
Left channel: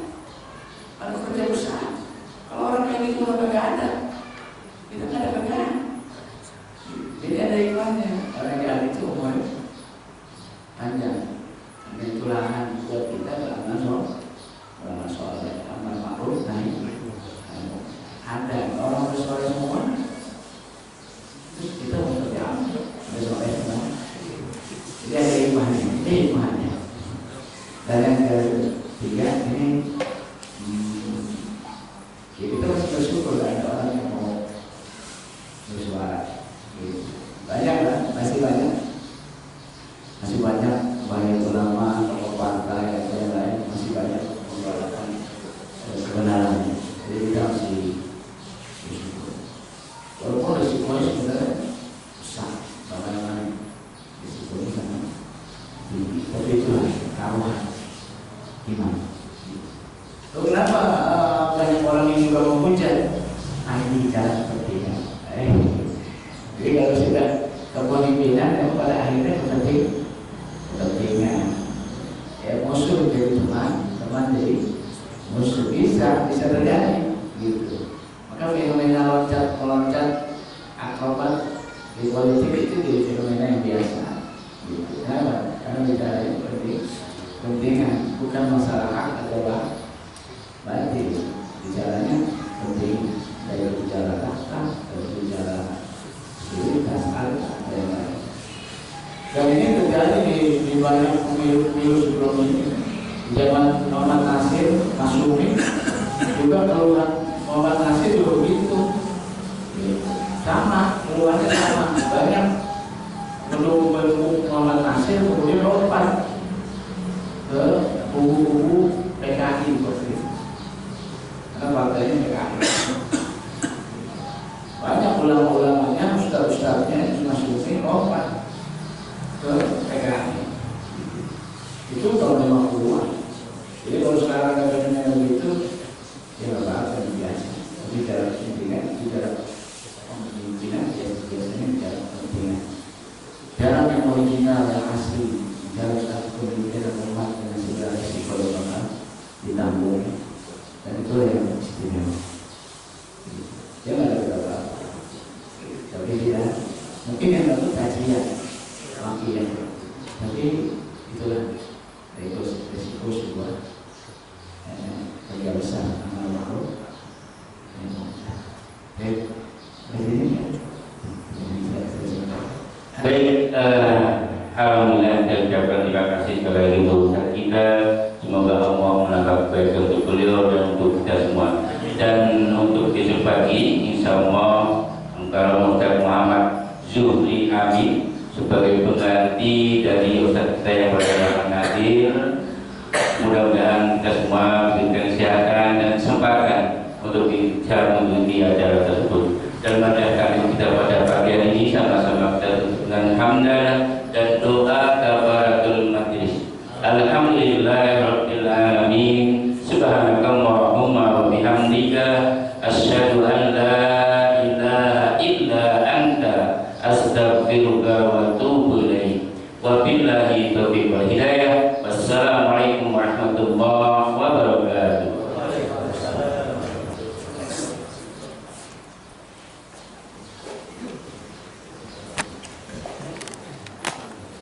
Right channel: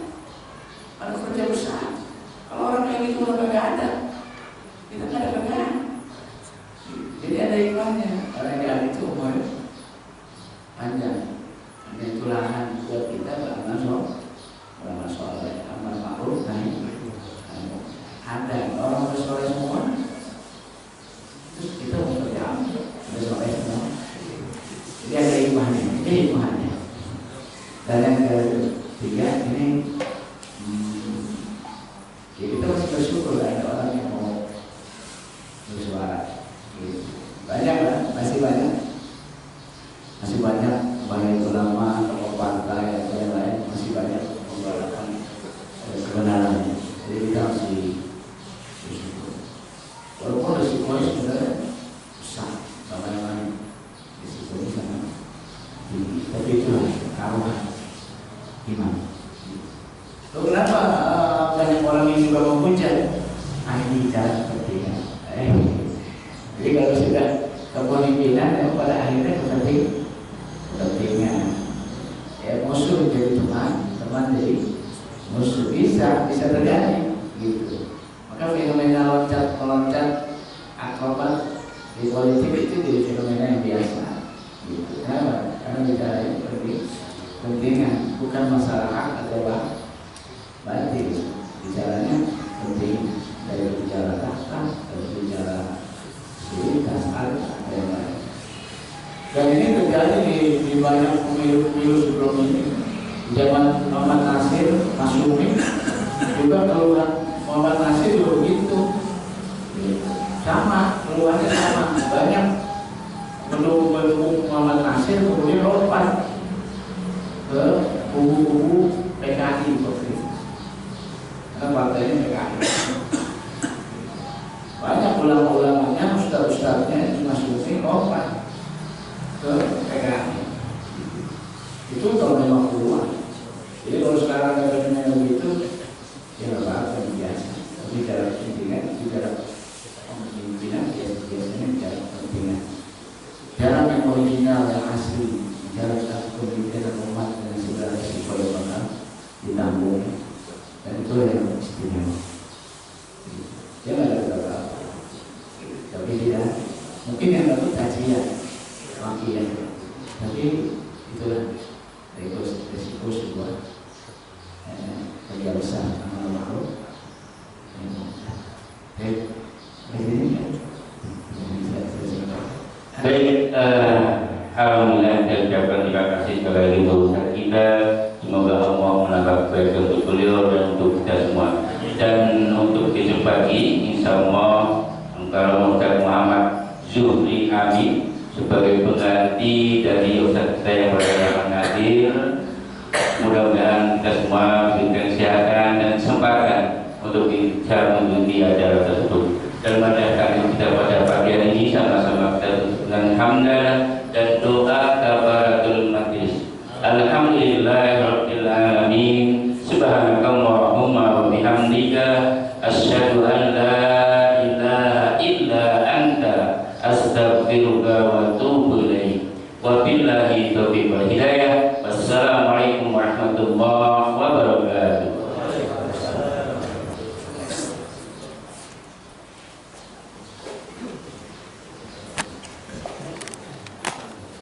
Ada kerja besar. Kalau orang kayak gitu udah gak ada, kita gak ada kerjaan. Jadi ada hikmahnya. Orang jahat itu umurnya panjang. Dan itu lahan buat kita beramal soleh, amal ma'ruf nahi. Ada orang bersoleh semua, terus kita mau kerja bersoleh semua. Jadi ada hikmahnya, ini hikmahnya. Dan yang ketiga ini, kita masih bersyukur ada orang yang mau bersuara. Banyak lah, masih banyak baik ulama atau partai atau yang lain, masih banyak membawakan kebenarannya. Jadi kita masih bersyukur. Walaupun resikonya sebenarnya besar, bagaimana resikonya sangat tinggi. Tapi itulah taruhan iman. Lalu kenapa banyak orang yang juga menghujat? Ini cara sepertinya. Jadi kalau sudah kepemimpinan, pada akhirnya kepentingan. Ya musuh jadi teman jadi musuh, bisa terjadi gitu. Maka fenomena loncat akrobat di politik itu jadi fenomena yang biasa gitu. Kenapa? Karena bicara seperti pentingan, bukan masalah hak atau batil. Bicaranya penting, dari bicara tahta, dari bicara sulitas, harta dan lain. Dan ini terjadi di banyak pemilu sebelum ini. Zaman Muhammad Nasir, Masyumi, juga keluhan Muhammad Nasir juga begitu. Sama, keluhannya sama. Banyak pendukung Muhammad Nasir kemudian lompat ke kubu-kubu PKI waktu itu. Karena partainya PKI. Banyak ulama-ulamanya, ustaz-ustaznya Masyumi lompat Jadi kalau sekarang katanya begitu, ya nggak apa-apa yang biasa. Tapi cara pimpinan, bicara pemimpinan, ya biasanya bicara pemimpinan. Jalan yang original, yang asli, jalan satu pemimpinan umat dengan segala risiko yang bakal ditanggung. Dan itu yang istimewa. Jangan ada apa-apa. Tapi dia mungkin yang dapat kajian, makian. Tapi itulah risiko sebuah kerja besar amal ma'ruf. Baik, alhamdulillah dan ucapkan terima kasih kepada ibu kita. Semoga Allah menambah kebaikan untuk beliau dan untuk kita semua. Dan untuk besok pagi, insya Allah kalau Ustaz Muhammad Zuhri Amin sebagai pengganti dari Ustaz kita yang bernama Nadir, mudah-mudahan kita semua diberikan kesehatan dan kesempatan untuk bisa mengikuti acara tersebut. Dan pada kali kita pada pagi hari ini sama-sama kita dengan hamdan